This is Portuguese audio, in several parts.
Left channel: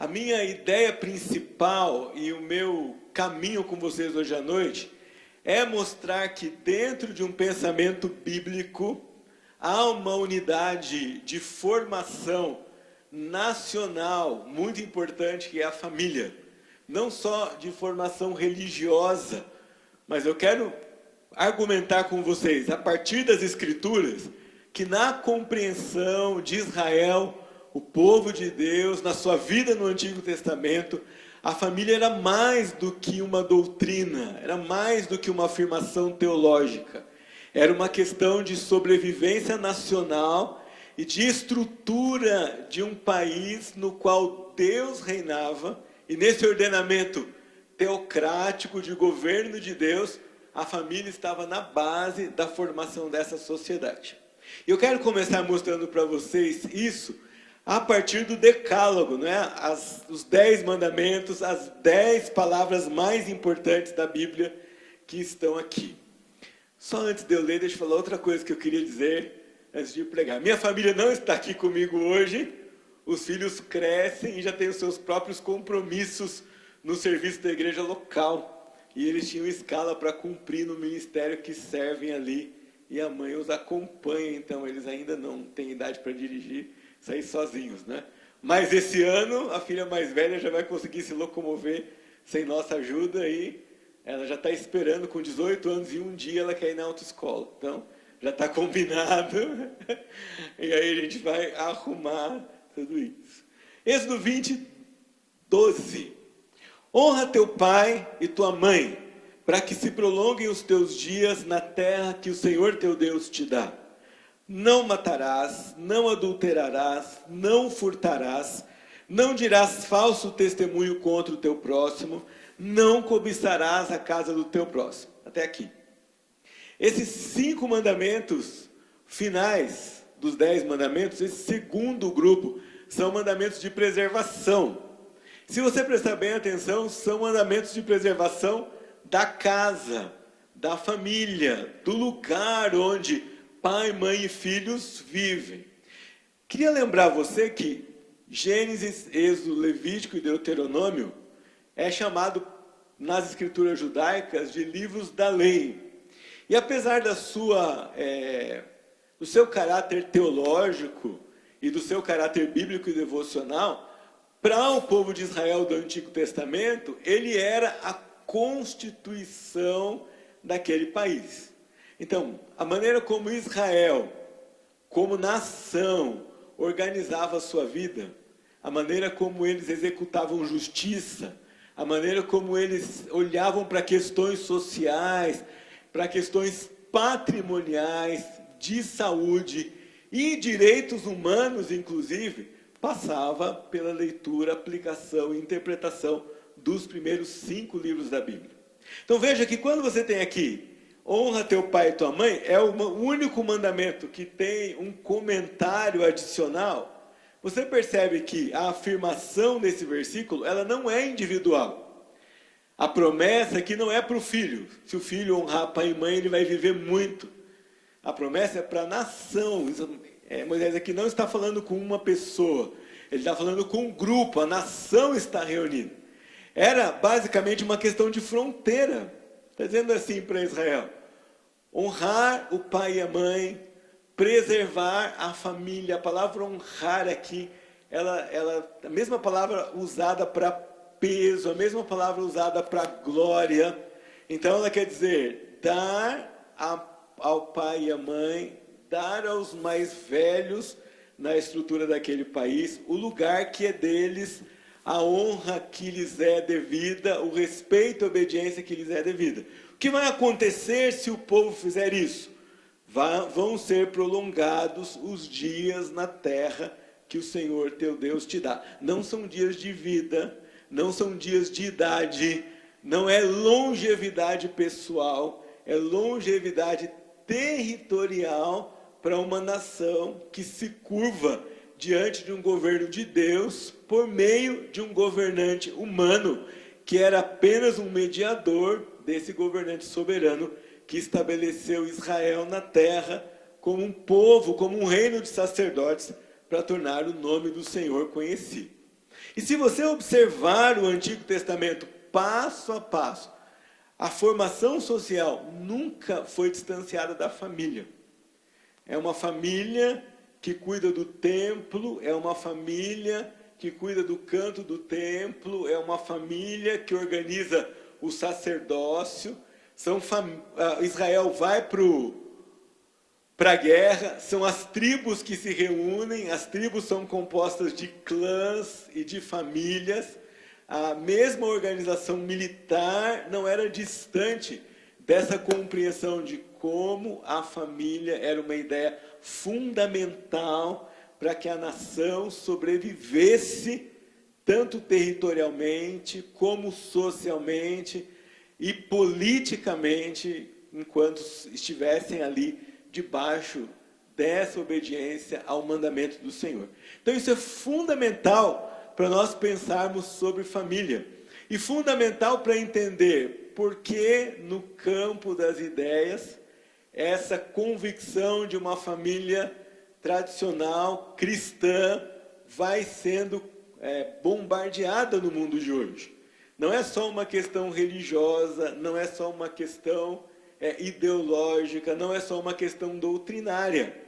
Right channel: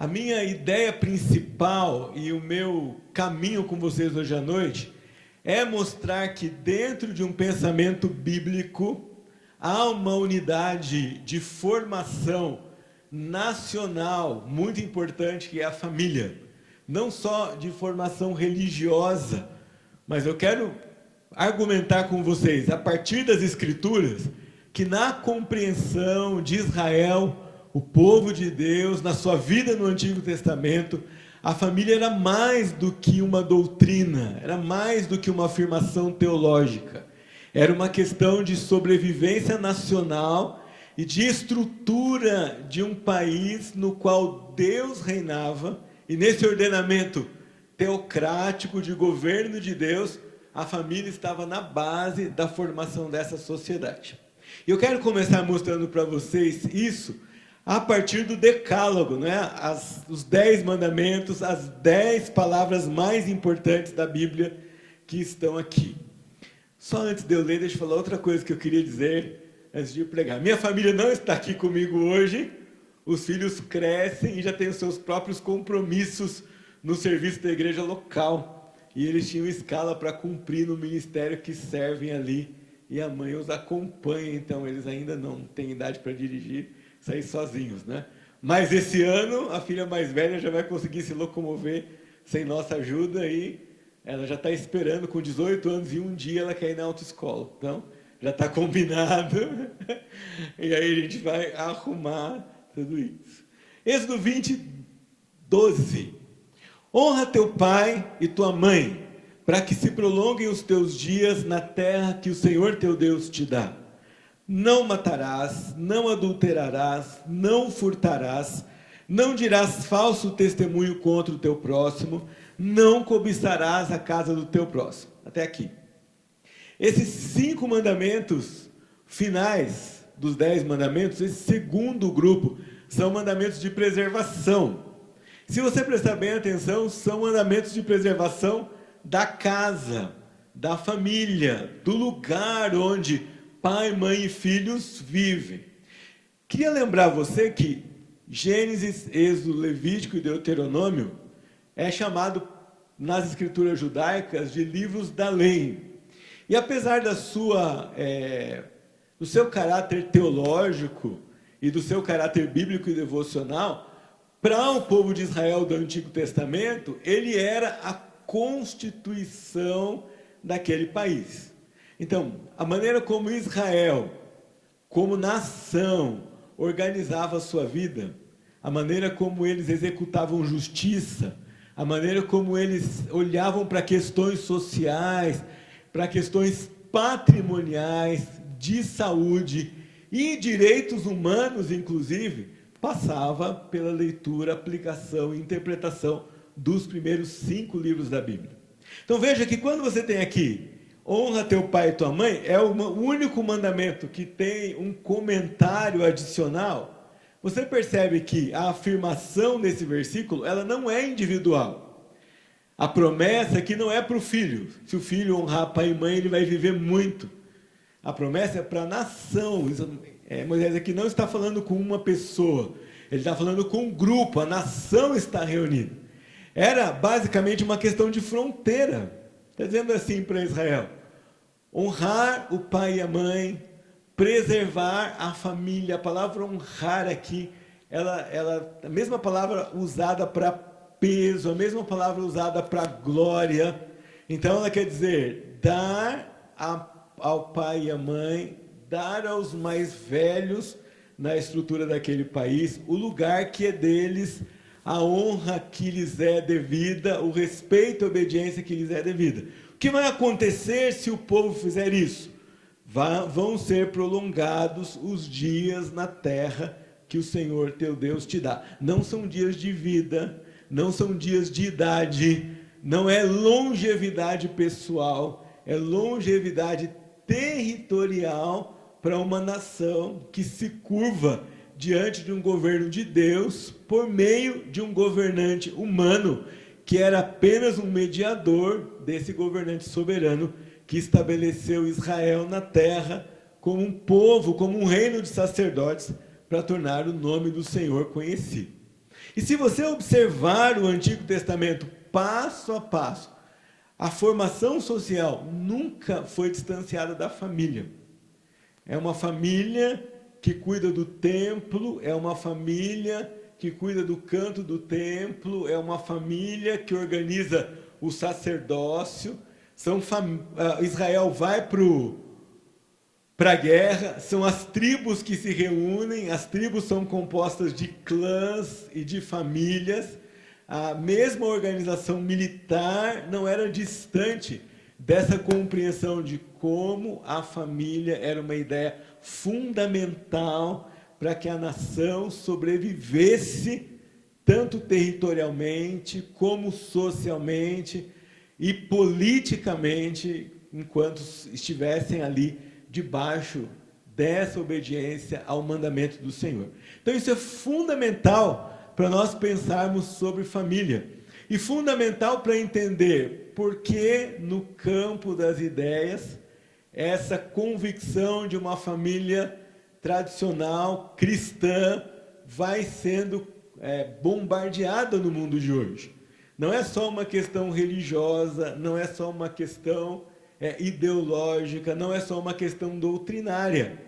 A minha ideia principal e o meu caminho com vocês hoje à noite é mostrar que dentro de um pensamento bíblico há uma unidade de formação nacional muito importante, que é a família. Não só de formação religiosa, mas eu quero argumentar com vocês, a partir das Escrituras, que na compreensão de Israel, o povo de Deus, na sua vida no Antigo Testamento, a família era mais do que uma doutrina, era mais do que uma afirmação teológica. Era uma questão de sobrevivência nacional e de estrutura de um país no qual Deus reinava, e nesse ordenamento teocrático de governo de Deus, a família estava na base da formação dessa sociedade. E eu quero começar mostrando para vocês isso a partir do Decálogo, né? Os 10 mandamentos, as 10 palavras mais importantes da Bíblia que estão aqui. Só antes de eu ler, deixa eu falar outra coisa que eu queria dizer antes de pregar. Minha família não está aqui comigo hoje, os filhos crescem e já têm os seus próprios compromissos no serviço da igreja local. E eles tinham escala para cumprir no ministério que servem ali. E a mãe os acompanha, então eles ainda não têm idade para dirigir, sair sozinhos, né? Mas esse ano, a filha mais velha já vai conseguir se locomover sem nossa ajuda e ela já está esperando, com 18 anos e um dia ela quer ir na autoescola. Então, já está combinado. E aí a gente vai arrumar tudo isso. Êxodo 20, 12. Honra teu pai e tua mãe, para que se prolonguem os teus dias na terra que o Senhor teu Deus te dá. Não matarás, não adulterarás, não furtarás, não dirás falso testemunho contra o teu próximo, não cobiçarás a casa do teu próximo. Até aqui. Esses 5 mandamentos finais dos 10 mandamentos, esse segundo grupo, são mandamentos de preservação. Se você prestar bem atenção, são mandamentos de preservação da casa, da família, do lugar onde pai, mãe e filhos vivem. Queria lembrar você que Gênesis, Êxodo, Levítico e Deuteronômio é chamado nas escrituras judaicas de livros da lei. E apesar do seu caráter teológico e do seu caráter bíblico e devocional, para o povo de Israel do Antigo Testamento, ele era a constituição daquele país. Então, a maneira como Israel, como nação, organizava a sua vida, a maneira como eles executavam justiça, a maneira como eles olhavam para questões sociais, para questões patrimoniais, de saúde e direitos humanos, inclusive, passava pela leitura, aplicação e interpretação dos primeiros 5 livros da Bíblia. Então veja que quando você tem aqui, honra teu pai e tua mãe, é o único mandamento que tem um comentário adicional. Você percebe que a afirmação nesse versículo, ela não é individual. A promessa aqui não é para o filho. Se o filho honrar pai e mãe, ele vai viver muito. A promessa é para a nação. Moisés aqui não está falando com uma pessoa, ele está falando com um grupo, a nação está reunida. Era basicamente uma questão de fronteira. Está dizendo assim para Israel: honrar o pai e a mãe, preservar a família. A palavra honrar aqui, a mesma palavra usada para peso, a mesma palavra usada para glória. Então ela quer dizer dar ao pai e à mãe, dar aos mais velhos na estrutura daquele país o lugar que é deles, a honra que lhes é devida, o respeito e a obediência que lhes é devida. O que vai acontecer se o povo fizer isso? Vão ser prolongados os dias na terra que o Senhor teu Deus te dá. Não são dias de vida, não são dias de idade, não é longevidade pessoal, é longevidade territorial para uma nação que se curva diante de um governo de Deus por meio de um governante humano que era apenas um mediador desse governante soberano que estabeleceu Israel na terra como um povo, como um reino de sacerdotes para tornar o nome do Senhor conhecido. E se você observar o Antigo Testamento passo a passo, a formação social nunca foi distanciada da família. É uma família que cuida do templo, é uma família que cuida do canto do templo, é uma família que organiza o sacerdócio. Israel vai para a guerra, são as tribos que se reúnem, as tribos são compostas de clãs e de famílias. A mesma organização militar não era distante dessa compreensão de como a família era uma ideia fundamental para que a nação sobrevivesse tanto territorialmente como socialmente e politicamente, enquanto estivessem ali debaixo dessa obediência ao mandamento do Senhor. Então isso é fundamental para nós pensarmos sobre família. E fundamental para entender por que no campo das ideias essa convicção de uma família tradicional, cristã, vai sendo bombardeada no mundo de hoje. Não é só uma questão religiosa, não é só uma questão ideológica, não é só uma questão doutrinária.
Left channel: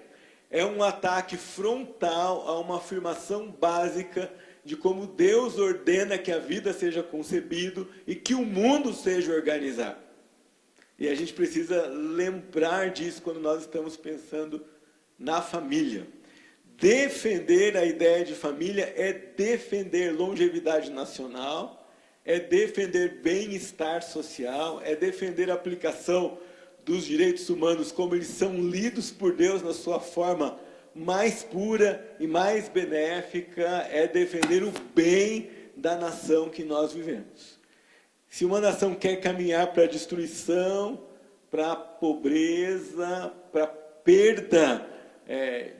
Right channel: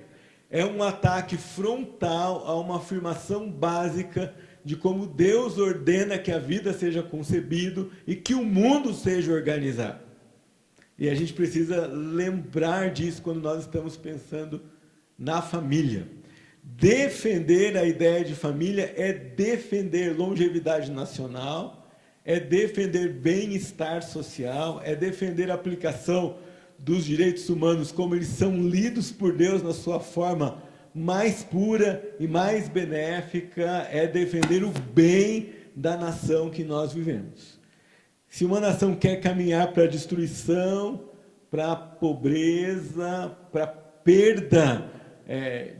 É um ataque frontal a uma afirmação básica de como Deus ordena que a vida seja concebido e que o mundo seja organizado. E a gente precisa lembrar disso quando nós estamos pensando na família. Defender a ideia de família é defender longevidade nacional, é defender bem-estar social, é defender a aplicação dos direitos humanos como eles são lidos por Deus na sua forma mais pura e mais benéfica, é defender o bem da nação que nós vivemos. Se uma nação quer caminhar para a destruição, para a pobreza, para a perda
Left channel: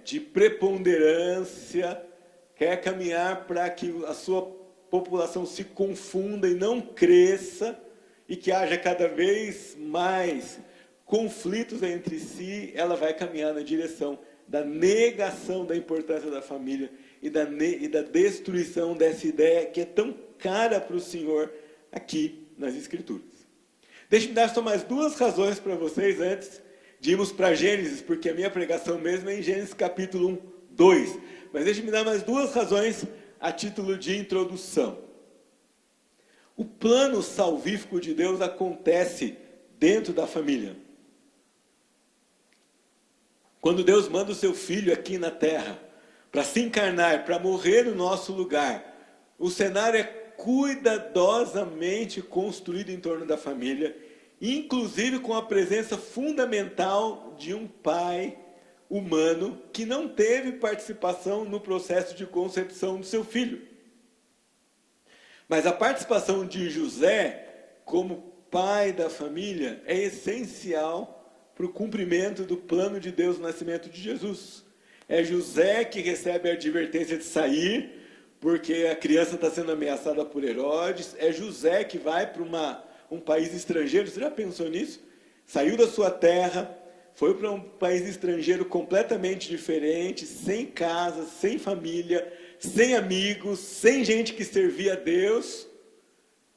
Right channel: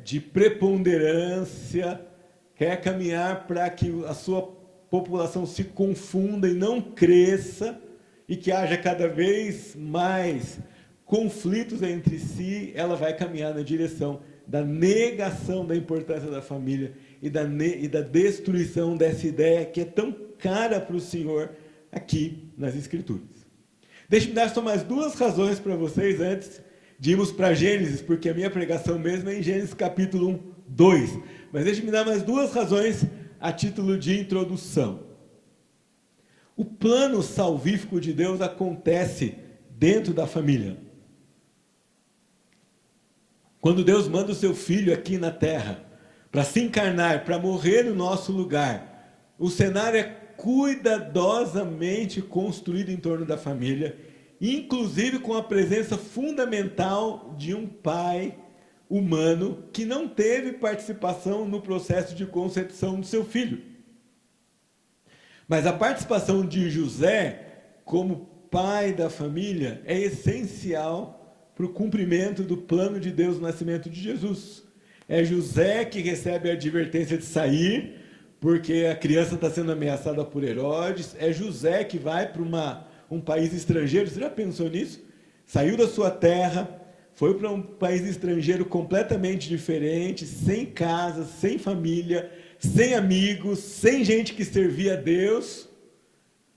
de preponderância, quer caminhar para que a sua população se confunda e não cresça, e que haja cada vez mais conflitos entre si, ela vai caminhar na direção da negação da importância da família e da destruição dessa ideia que é tão cara para o Senhor aqui nas Escrituras. Deixe-me dar só mais duas razões para vocês antes de irmos para Gênesis, porque a minha pregação mesmo é em Gênesis capítulo 1, 2. Mas deixe-me dar mais duas razões a título de introdução. O plano salvífico de Deus acontece dentro da família. Quando Deus manda o seu Filho aqui na terra, para se encarnar, para morrer no nosso lugar, o cenário é cuidadosamente construído em torno da família, inclusive com a presença fundamental de um pai humano que não teve participação no processo de concepção do seu filho. Mas a participação de José, como pai da família, é essencial para o cumprimento do plano de Deus no nascimento de Jesus. É José que recebe a advertência de sair, porque a criança está sendo ameaçada por Herodes. É José que vai para um país estrangeiro. Você já pensou nisso? Saiu da sua terra, foi para um país estrangeiro completamente diferente, sem casa, sem família, sem amigos, sem gente que servia a Deus,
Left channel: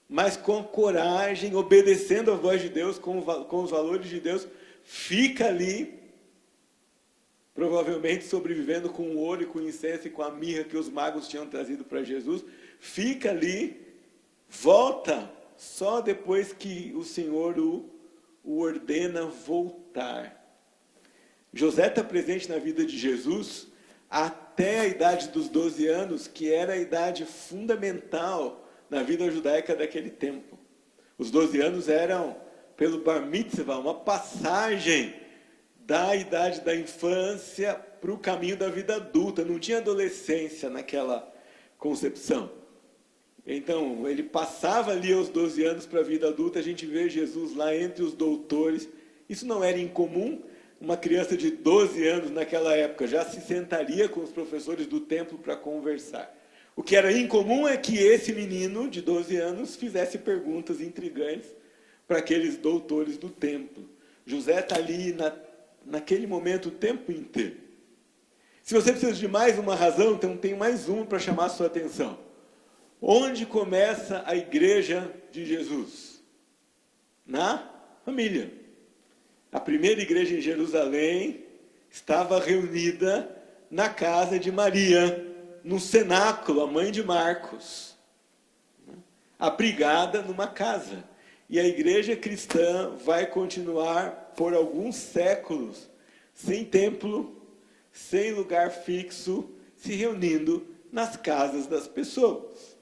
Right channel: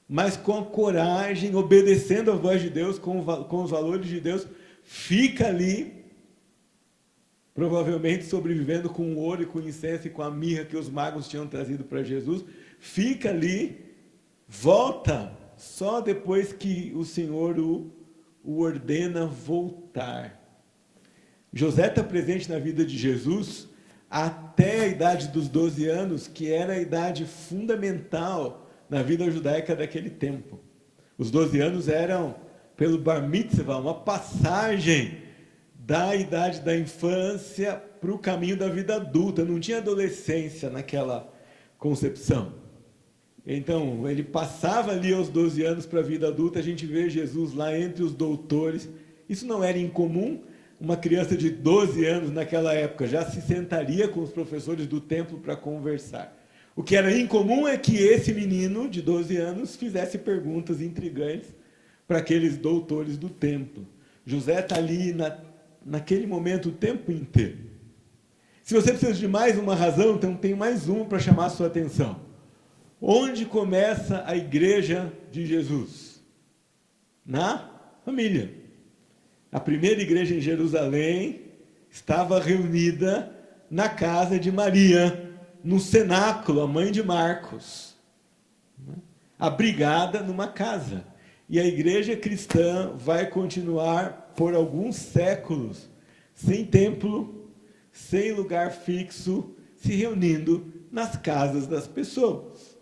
mas com coragem, obedecendo a voz de Deus, com os valores de Deus, fica ali, provavelmente sobrevivendo com o ouro e com o incenso e com a mirra que os magos tinham trazido para Jesus, fica ali, volta, só depois que o Senhor o ordena voltar. José está presente na vida de Jesus até a idade dos 12 anos, que era a idade fundamental na vida judaica daquele tempo. Os 12 anos eram, pelo bar mitzvah, uma passagem da idade da infância para o caminho da vida adulta. Não tinha adolescência naquela concepção. Então, ele passava ali aos 12 anos para a vida adulta. A gente vê Jesus lá entre os doutores. Isso não era incomum. Uma criança de 12 anos naquela época já se sentaria com os professores do templo para conversar. O que era incomum é que esse menino de 12 anos fizesse perguntas intrigantes para aqueles doutores do templo. José está ali naquele momento o tempo inteiro. Se você precisa de mais uma razão, então tem mais uma para chamar a sua atenção. Onde começa a igreja de Jesus? Na família. A primeira igreja em Jerusalém estava reunida na casa de Maria, no cenáculo, a mãe de Marcos, abrigada numa casa. E a igreja cristã vai continuar por alguns séculos, sem templo, sem lugar fixo, se reunindo nas casas das pessoas.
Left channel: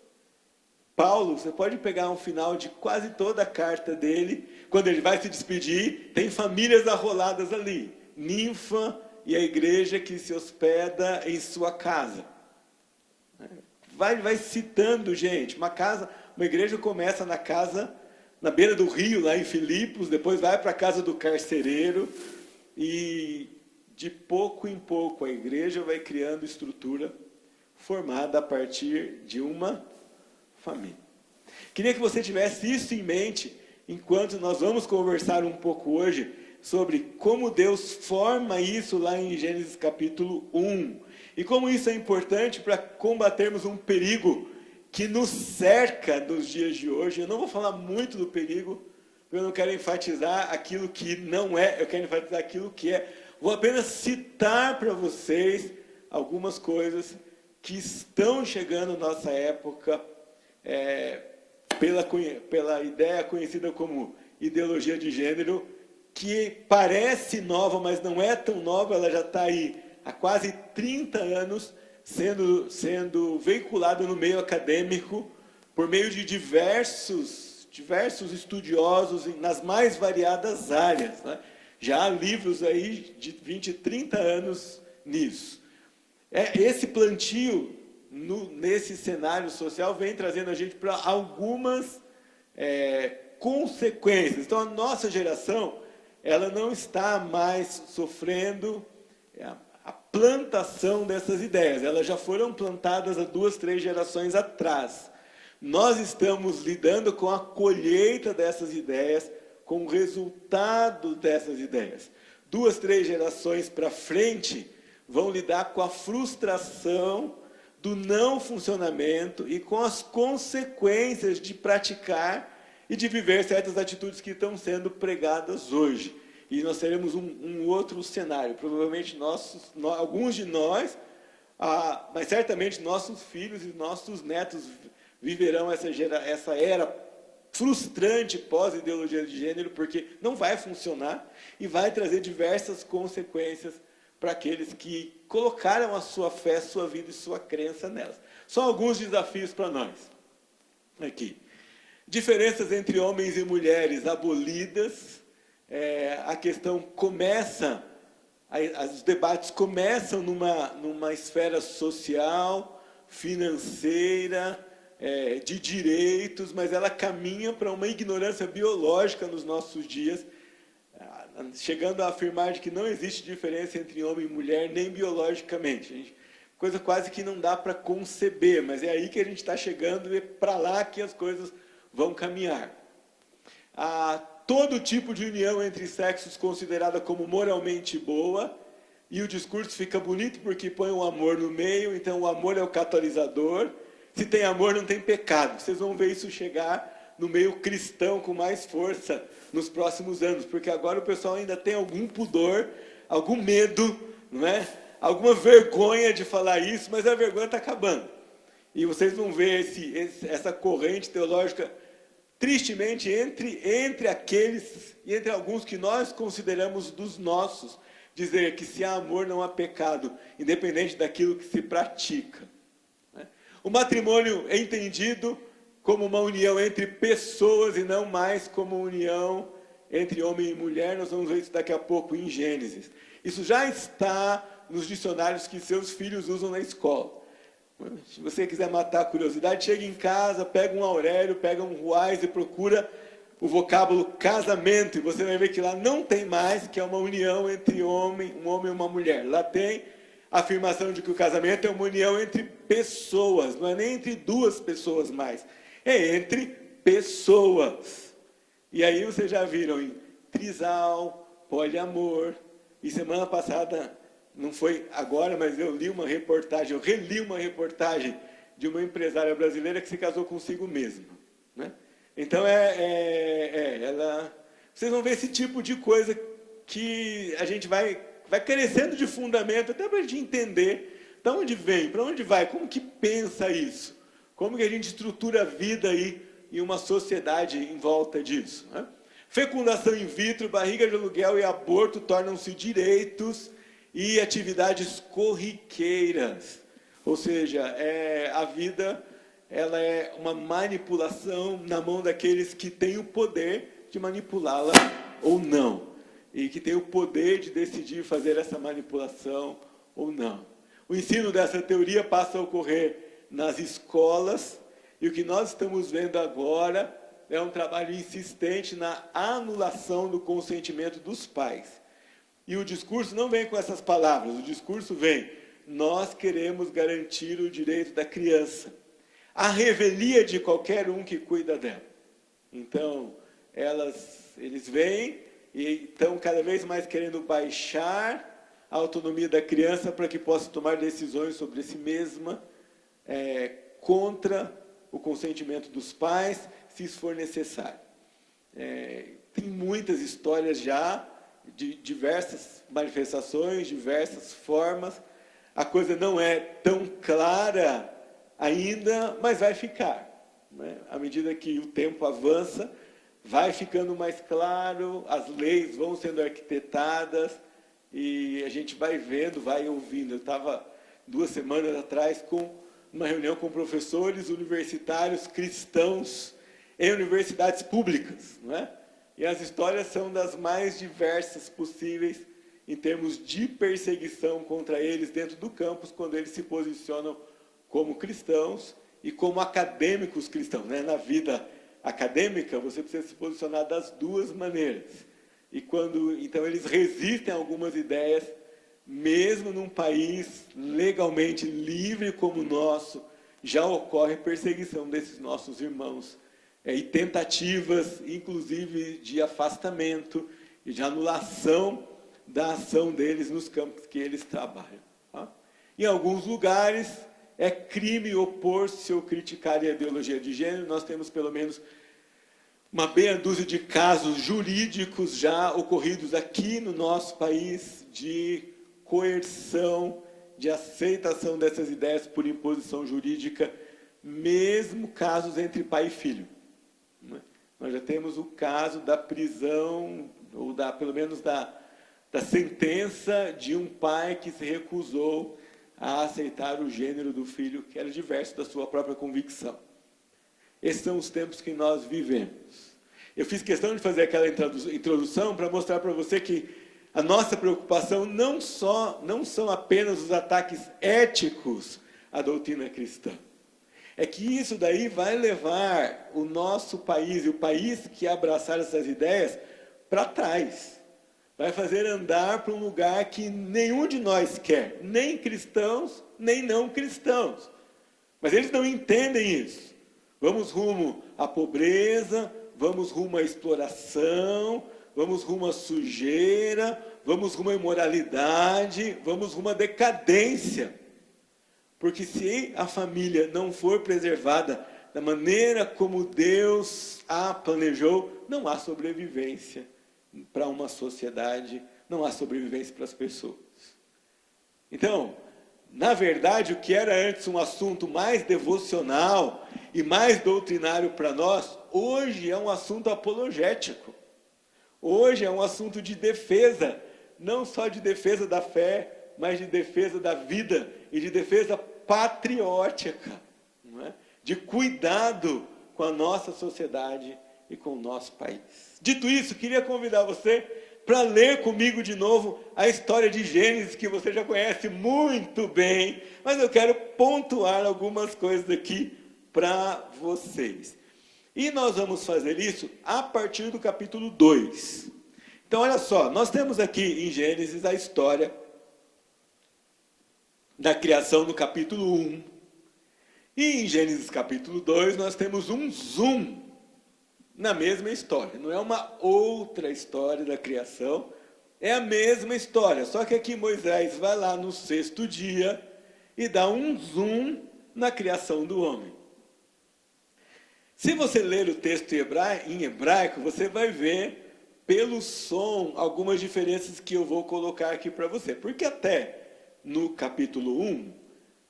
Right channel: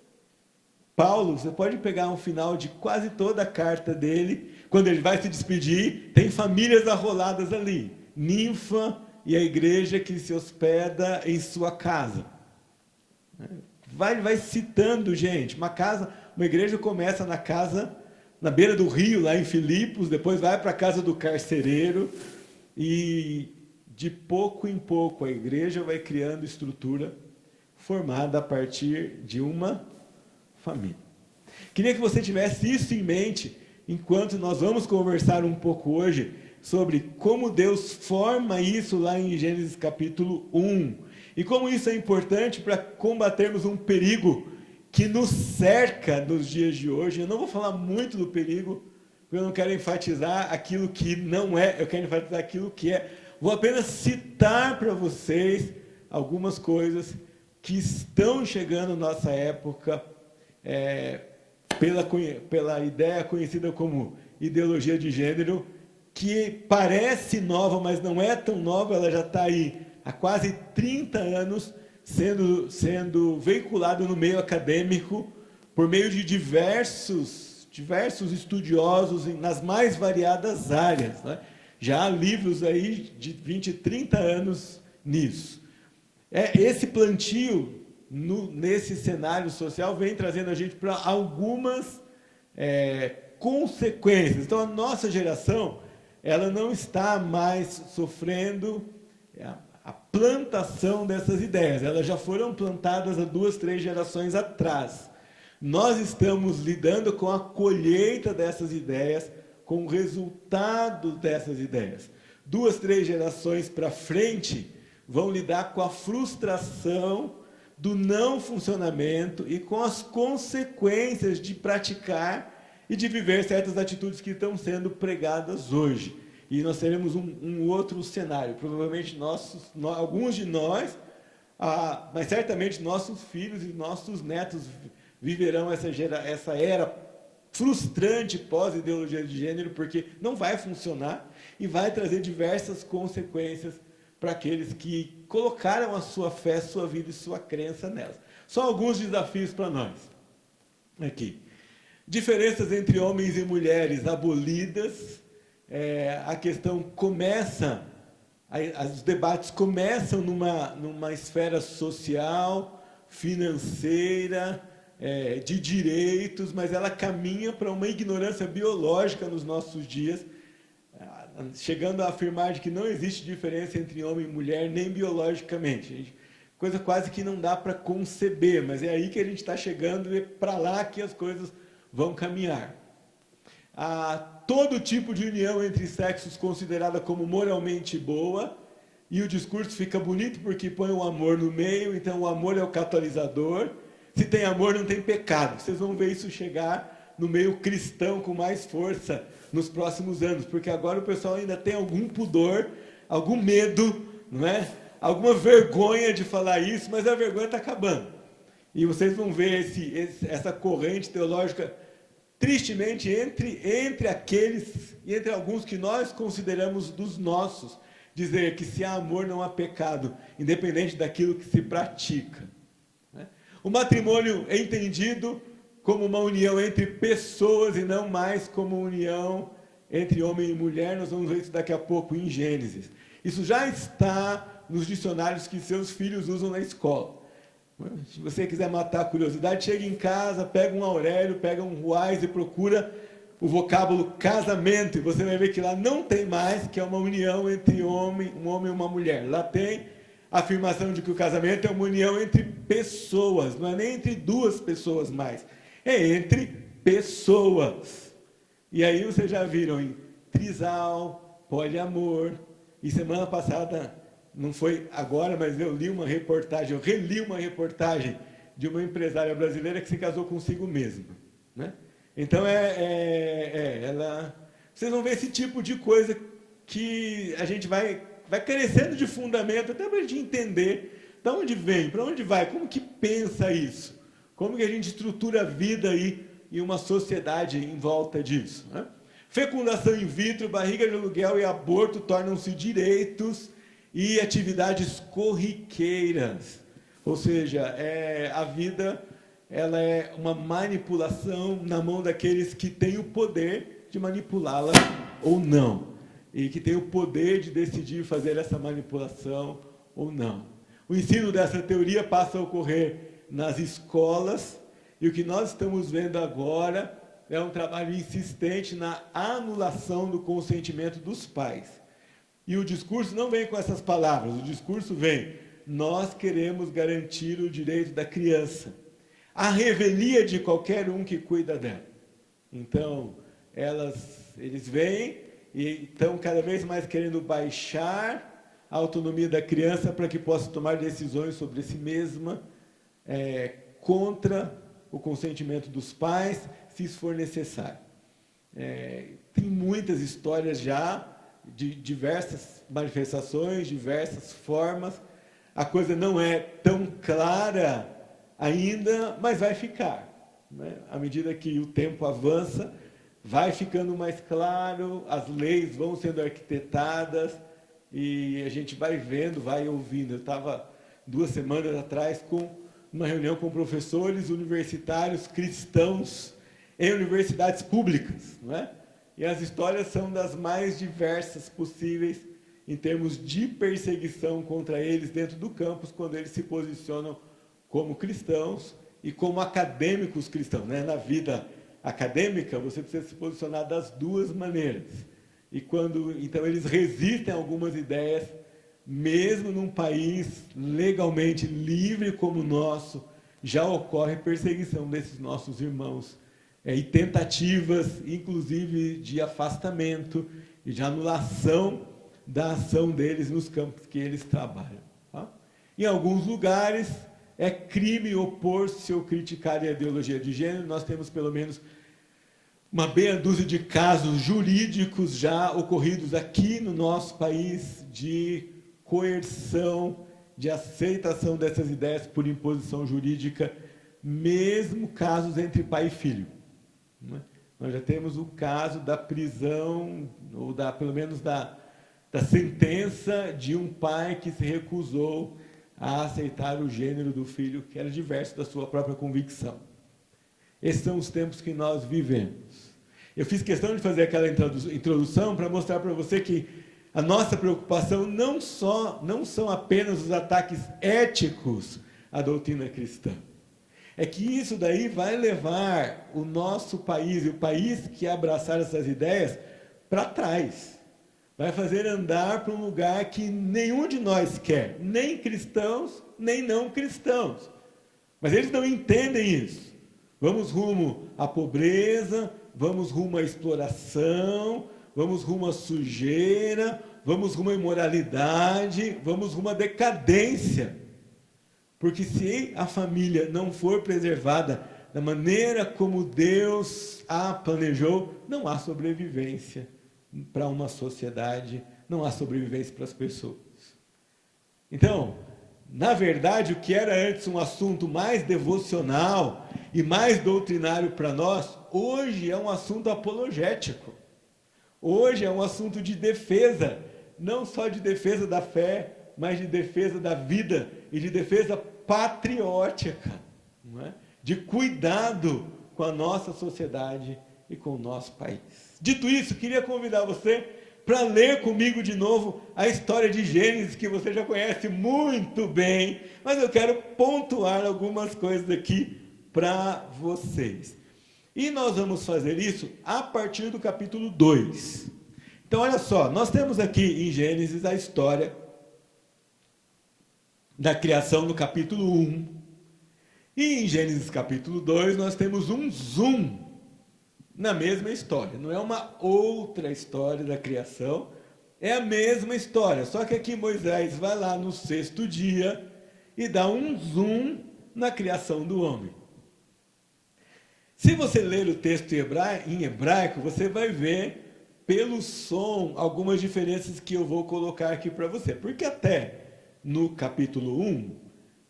Paulo, você pode pegar um final de quase toda a carta dele, quando ele vai se despedir, tem famílias arroladas ali, Ninfa e a igreja que se hospeda em sua casa. Vai citando gente, uma igreja começa na casa, na beira do rio, lá em Filipos, depois vai para a casa do carcereiro, e de pouco em pouco a igreja vai criando estrutura formada a partir de uma família. Queria que você tivesse isso em mente, enquanto nós vamos conversar um pouco hoje sobre como Deus forma isso lá em Gênesis capítulo 1, e como isso é importante para combatermos um perigo que nos cerca nos dias de hoje. Eu não vou falar muito do perigo, porque eu não quero enfatizar aquilo que não é, eu quero enfatizar aquilo que é. Vou apenas citar para vocês algumas coisas que estão chegando na nossa época, pela ideia conhecida como ideologia de gênero, que parece nova, mas não é tão nova, ela já está aí há quase 30 anos, sendo veiculada no meio acadêmico, por meio de diversos estudiosos nas mais variadas áreas, né? Já há livros aí de 20, 30 anos nisso. Esse plantio, nesse cenário social, vem trazendo a gente para algumas consequências. Então, a nossa geração, ela não está mais sofrendo a plantação dessas ideias. Elas já foram plantadas há 2, 3 gerações atrás. Nós estamos lidando com a colheita dessas ideias, com o resultado dessas ideias. 2, 3 gerações para frente vão lidar com a frustração do não funcionamento e com as consequências de praticar e de viver certas atitudes que estão sendo pregadas hoje. E nós teremos um outro cenário. Provavelmente alguns de nós, mas certamente nossos filhos e nossos netos viverão essa era frustrante pós-ideologia de gênero, porque não vai funcionar e vai trazer diversas consequências para aqueles que colocaram a sua fé, sua vida e sua crença nelas. Só alguns desafios para nós. Aqui. Diferenças entre homens e mulheres abolidas. A questão começa, os debates começam numa esfera social, financeira, de direitos, mas ela caminha para uma ignorância biológica nos nossos dias, chegando a afirmar de que não existe diferença entre homem e mulher, nem biologicamente. Coisa quase que não dá para conceber, mas é aí que a gente está chegando e é para lá que as coisas vão caminhar. Todo tipo de união entre sexos considerada como moralmente boa, e o discurso fica bonito porque põe o amor no meio, então o amor é o catalisador. Se tem amor, não tem pecado. Vocês vão ver isso chegar no meio cristão com mais força nos próximos anos, porque agora o pessoal ainda tem algum pudor, algum medo, não é? Alguma vergonha de falar isso, mas a vergonha está acabando. E vocês vão ver essa corrente teológica, tristemente, entre aqueles e entre alguns que nós consideramos dos nossos, dizer que se há amor não há pecado, independente daquilo que se pratica. O matrimônio é entendido como uma união entre pessoas e não mais como uma união entre homem e mulher. Nós vamos ver isso daqui a pouco em Gênesis. Isso já está nos dicionários que seus filhos usam na escola. Se você quiser matar a curiosidade, chega em casa, pega um Aurélio, pega um Ruais e procura o vocábulo casamento, e você vai ver que lá não tem mais, que é uma união entre um homem e uma mulher. Lá tem a afirmação de que o casamento é uma união entre pessoas, não é nem entre duas pessoas mais, é entre pessoas. E aí vocês já viram em trisal, poliamor, e semana passada, não foi agora, mas eu reli uma reportagem de uma empresária brasileira que se casou consigo mesma, né? Então, vocês vão ver esse tipo de coisa que a gente vai carecendo de fundamento, até para a gente entender de onde vem, para onde vai, como que pensa isso, como que a gente estrutura a vida aí em uma sociedade em volta disso, né? Fecundação in vitro, barriga de aluguel e aborto tornam-se direitos e atividades corriqueiras. Ou seja, a vida ela é uma manipulação na mão daqueles que têm o poder de manipulá-la ou não. E que têm o poder de decidir fazer essa manipulação ou não. O ensino dessa teoria passa a ocorrer nas escolas, e o que nós estamos vendo agora é um trabalho insistente na anulação do consentimento dos pais. E o discurso não vem com essas palavras, o discurso vem: nós queremos garantir o direito da criança, a revelia de qualquer um que cuida dela. Então, eles vêm e estão cada vez mais querendo baixar a autonomia da criança para que possa tomar decisões sobre si mesma, contra o consentimento dos pais, se isso for necessário. Tem muitas histórias já, de diversas manifestações, diversas formas. A coisa não é tão clara ainda, mas vai ficar, né? À medida que o tempo avança, vai ficando mais claro, as leis vão sendo arquitetadas, e a gente vai vendo, vai ouvindo. Eu estava 2 semanas atrás com uma reunião com professores universitários cristãos em universidades públicas, não é? E as histórias são das mais diversas possíveis em termos de perseguição contra eles dentro do campus, quando eles se posicionam como cristãos e como acadêmicos cristãos, né? Na vida acadêmica, você precisa se posicionar das duas maneiras. E então eles resistem a algumas ideias, mesmo num país legalmente livre como o nosso, já ocorre perseguição desses nossos irmãos, e tentativas, inclusive, de afastamento e de anulação da ação deles nos campos que eles trabalham, tá? Em alguns lugares, é crime opor-se ou criticar a ideologia de gênero. Nós temos, pelo menos, uma meia dúzia de casos jurídicos já ocorridos aqui no nosso país de coerção, de aceitação dessas ideias por imposição jurídica, mesmo casos entre pai e filho. Nós já temos o caso da prisão, ou pelo menos da sentença de um pai que se recusou a aceitar o gênero do filho, que era diverso da sua própria convicção. Esses são os tempos que nós vivemos. Eu fiz questão de fazer aquela introdução para mostrar para você que a nossa preocupação não são apenas os ataques éticos à doutrina cristã. É que isso daí vai levar o nosso país, e o país que abraçar essas ideias, para trás. Vai fazer andar para um lugar que nenhum de nós quer, nem cristãos, nem não cristãos. Mas eles não entendem isso. Vamos rumo à pobreza, vamos rumo à exploração, vamos rumo à sujeira, vamos rumo à imoralidade, vamos rumo à decadência. Porque se a família não for preservada da maneira como Deus a planejou, não há sobrevivência para uma sociedade, não há sobrevivência para as pessoas. Então, na verdade, o que era antes um assunto mais devocional e mais doutrinário para nós, hoje é um assunto apologético. Hoje é um assunto de defesa, não só de defesa da fé, mas de defesa da vida e de defesa patriótica, não é? De cuidado com a nossa sociedade e com o nosso país. Dito isso, queria convidar você para ler comigo de novo a história de Gênesis, que você já conhece muito bem, mas eu quero pontuar algumas coisas aqui para vocês. E nós vamos fazer isso a partir do capítulo 2. Então, olha só, nós temos aqui em Gênesis a história da criação no capítulo 1. E em Gênesis capítulo 2 nós temos um zoom na mesma história. Não é uma outra história da criação, é a mesma história. Só que aqui Moisés vai lá no 6º dia e dá um zoom na criação do homem. Se você ler o texto em hebraico, você vai ver, pelo som, algumas diferenças que eu vou colocar aqui para você. Porque até no capítulo 1,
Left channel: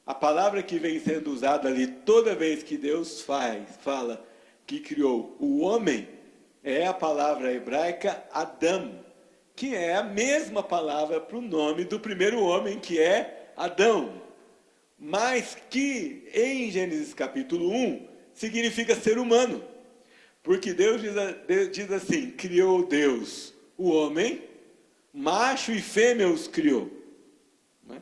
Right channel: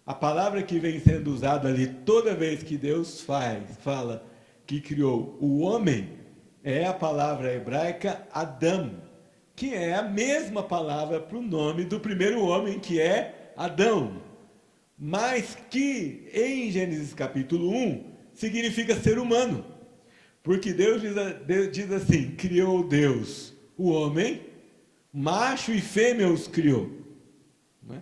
a palavra que vem sendo usada ali toda vez que Deus fala que criou o homem, é a palavra hebraica Adam, que é a mesma palavra para o nome do primeiro homem, que é Adão. Mas que em Gênesis capítulo 1 significa ser humano. Porque Deus diz assim: criou Deus o homem, macho e fêmea os criou. Não é?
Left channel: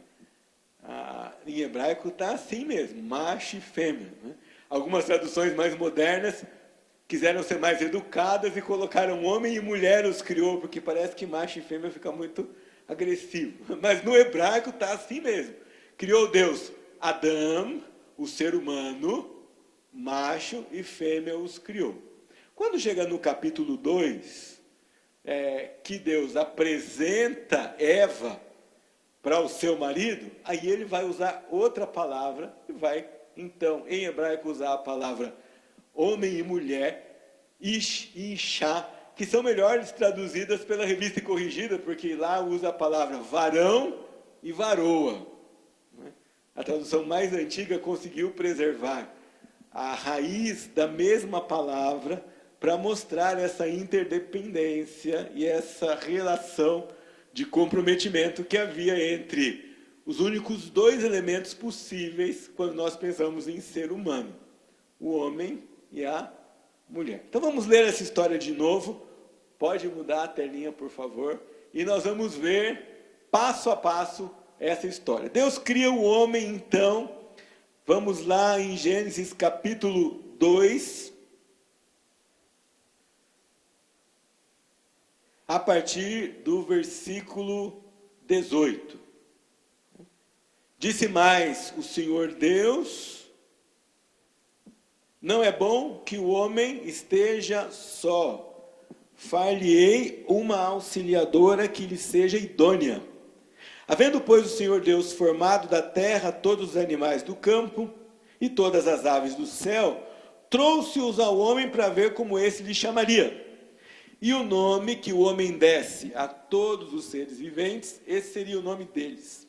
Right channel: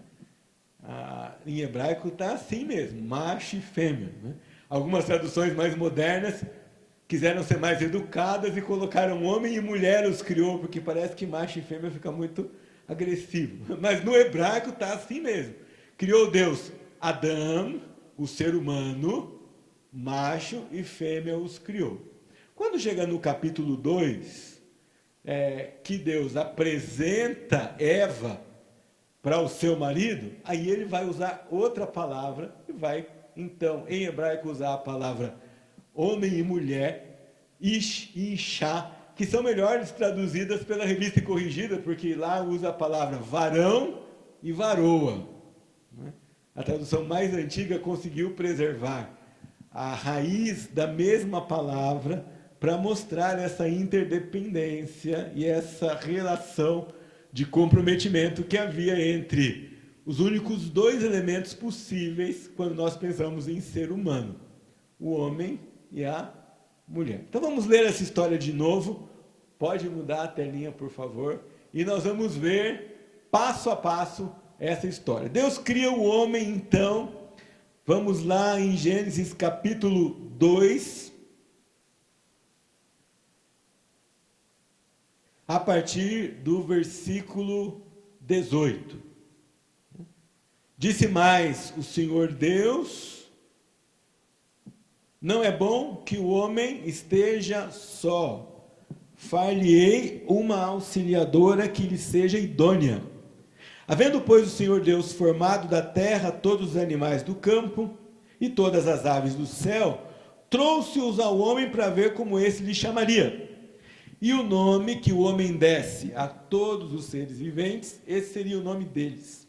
Em hebraico está assim mesmo, macho e fêmea. Né? Algumas traduções mais modernas quiseram ser mais educadas e colocaram homem e mulher os criou, porque parece que macho e fêmea fica muito agressivo. Mas no hebraico está assim mesmo. Criou Deus Adão, o ser humano, macho e fêmea os criou. Quando chega no capítulo 2, que Deus apresenta Eva para o seu marido, aí ele vai usar outra palavra, e vai, então, em hebraico, usar a palavra homem e mulher, ish e ishá, que são melhores traduzidas pela Revista e Corrigida, porque lá usa a palavra varão e varoa. A tradução mais antiga conseguiu preservar a raiz da mesma palavra para mostrar essa interdependência e essa relação de comprometimento que havia entre os únicos dois elementos possíveis quando nós pensamos em ser humano, o homem e a mulher. Então vamos ler essa história de novo. Pode mudar a telinha, por favor, e nós vamos ver passo a passo essa história. Deus cria o homem, então. Vamos lá em Gênesis capítulo 2, a partir do versículo 18. Disse mais o Senhor Deus: não é bom que o homem esteja só. Far-lhe-ei uma auxiliadora que lhe seja idônea. Havendo, pois, o Senhor Deus formado da terra todos os animais do campo e todas as aves do céu, trouxe-os ao homem para ver como esse lhe chamaria. E o nome que o homem desse a todos os seres viventes, esse seria o nome deles.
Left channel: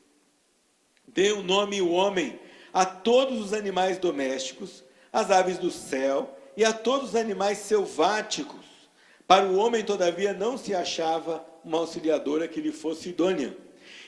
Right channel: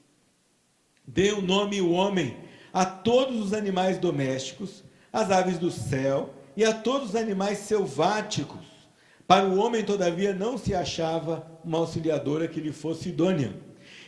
Deu o nome o homem a todos os animais domésticos, às aves do céu e a todos os animais selváticos. Para o homem, todavia, não se achava uma auxiliadora que lhe fosse idônea.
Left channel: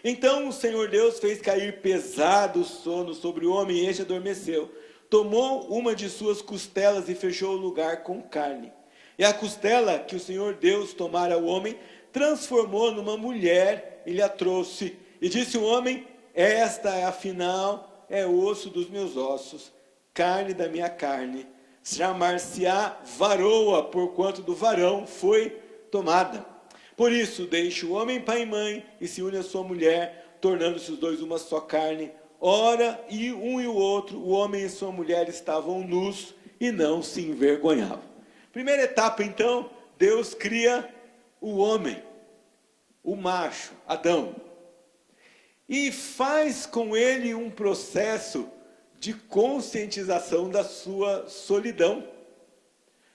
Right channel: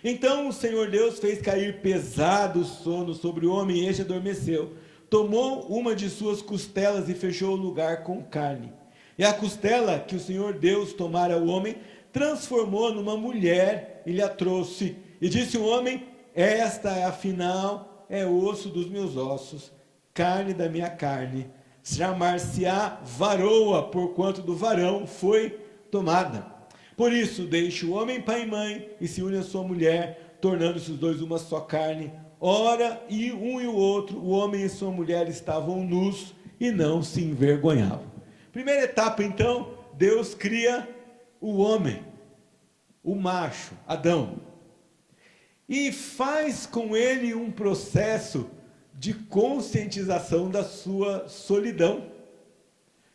Então o Senhor Deus fez cair pesado sono sobre o homem e este adormeceu. Tomou uma de suas costelas e fechou o lugar com carne. E a costela que o Senhor Deus tomara ao homem, transformou numa mulher e lhe a trouxe. E disse o homem: esta, afinal, é osso dos meus ossos, carne da minha carne. Chamar-se-á varoa, porquanto do varão foi tomada. Por isso, deixa o homem pai e mãe e se une à sua mulher, tornando-se os dois uma só carne. Ora, e um e o outro, o homem e sua mulher, estavam nus e não se envergonhavam. Primeira etapa, então, Deus cria o homem, o macho, Adão, e faz com ele um processo de conscientização da sua solidão.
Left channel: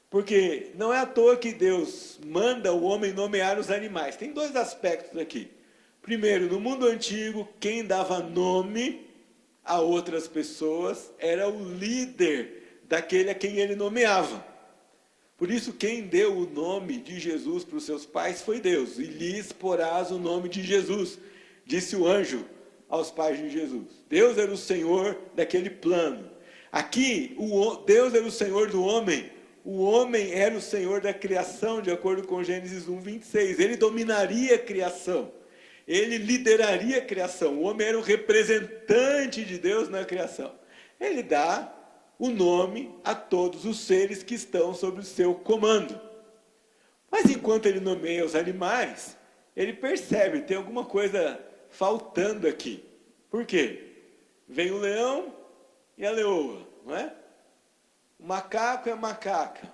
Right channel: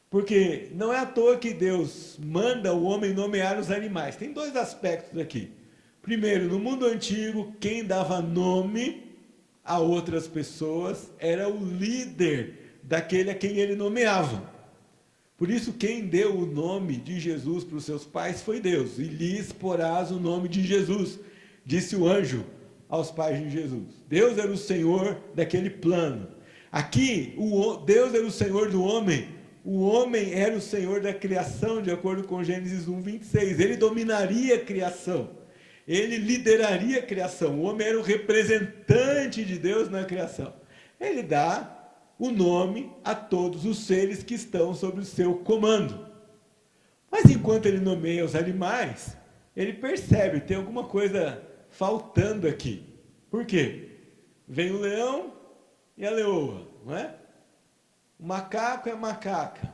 Porque não é à toa que Deus manda o homem nomear os animais. Tem dois aspectos aqui. Primeiro, no mundo antigo, quem dava nome a outras pessoas era o líder daquele a quem ele nomeava. Por isso, quem deu o nome de Jesus para os seus pais foi Deus. E lhes porás o nome de Jesus, disse o anjo aos pais de Jesus. Deus era o Senhor daquele plano. Aqui, Deus era o Senhor do homem. O homem era o Senhor da criação, de acordo com Gênesis 1, 26. Ele dominaria a criação. Ele lideraria a criação. O homem era o representante de Deus na criação. Ele dá o nome a todos os seres que estão sob o seu comando. Mas enquanto ele nomeia os animais, ele percebe, tem alguma coisa faltando aqui. Por quê? Vem o leão e a leoa, não é? O macaco e a macaca,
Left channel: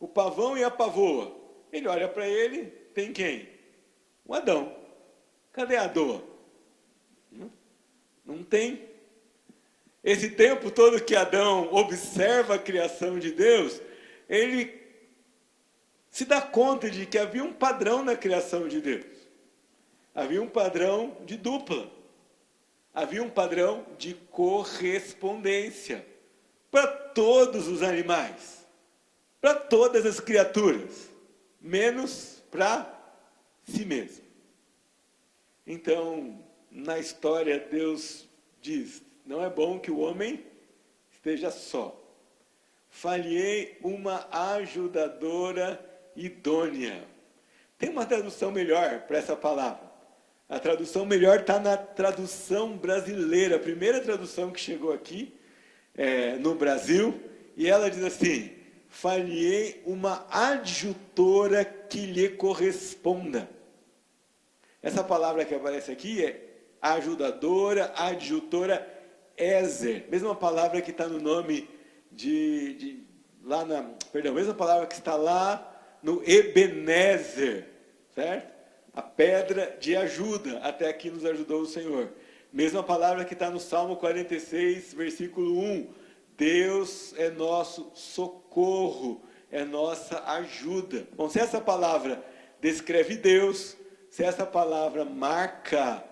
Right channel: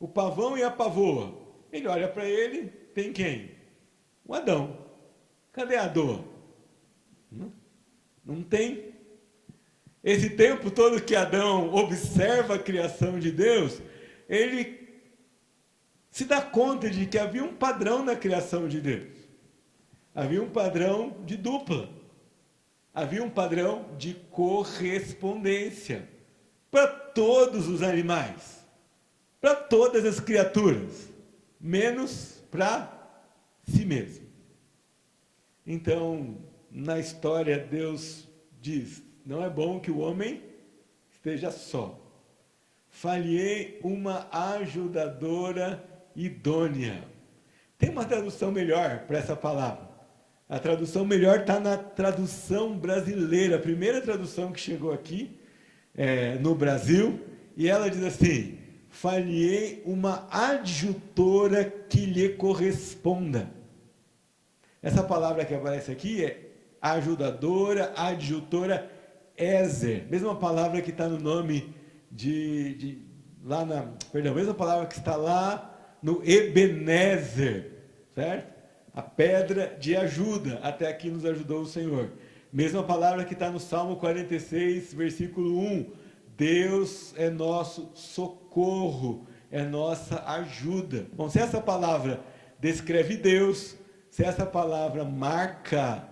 o pavão e a pavoa. Ele olha para ele, tem quem? O Adão. Cadê a Doa? Não tem. Esse tempo todo que Adão observa a criação de Deus, ele se dá conta de que havia um padrão na criação de Deus. Havia um padrão de dupla. Havia um padrão de correspondência para todos os animais, para todas as criaturas, menos para si mesmo. Então, na história, Deus diz: não é bom que o homem esteja só. Falhei uma ajudadora idônea. Tem uma tradução melhor para essa palavra. A tradução melhor está na tradução brasileira, a primeira tradução que chegou aqui no Brasil, e ela diz assim: falhei uma adjutora que lhe corresponda. Essa palavra que aparece aqui é ajudadora, adjutora, Ezer, mesma palavra que está no nome mesma palavra que está lá no Ebenezer, certo? A pedra de ajuda, até aqui nos ajudou o Senhor. Mesma palavra que está no Salmo 46, versículo 1. Deus é nosso socorro, é nossa ajuda. Bom, se essa palavra descreve Deus, se essa palavra marca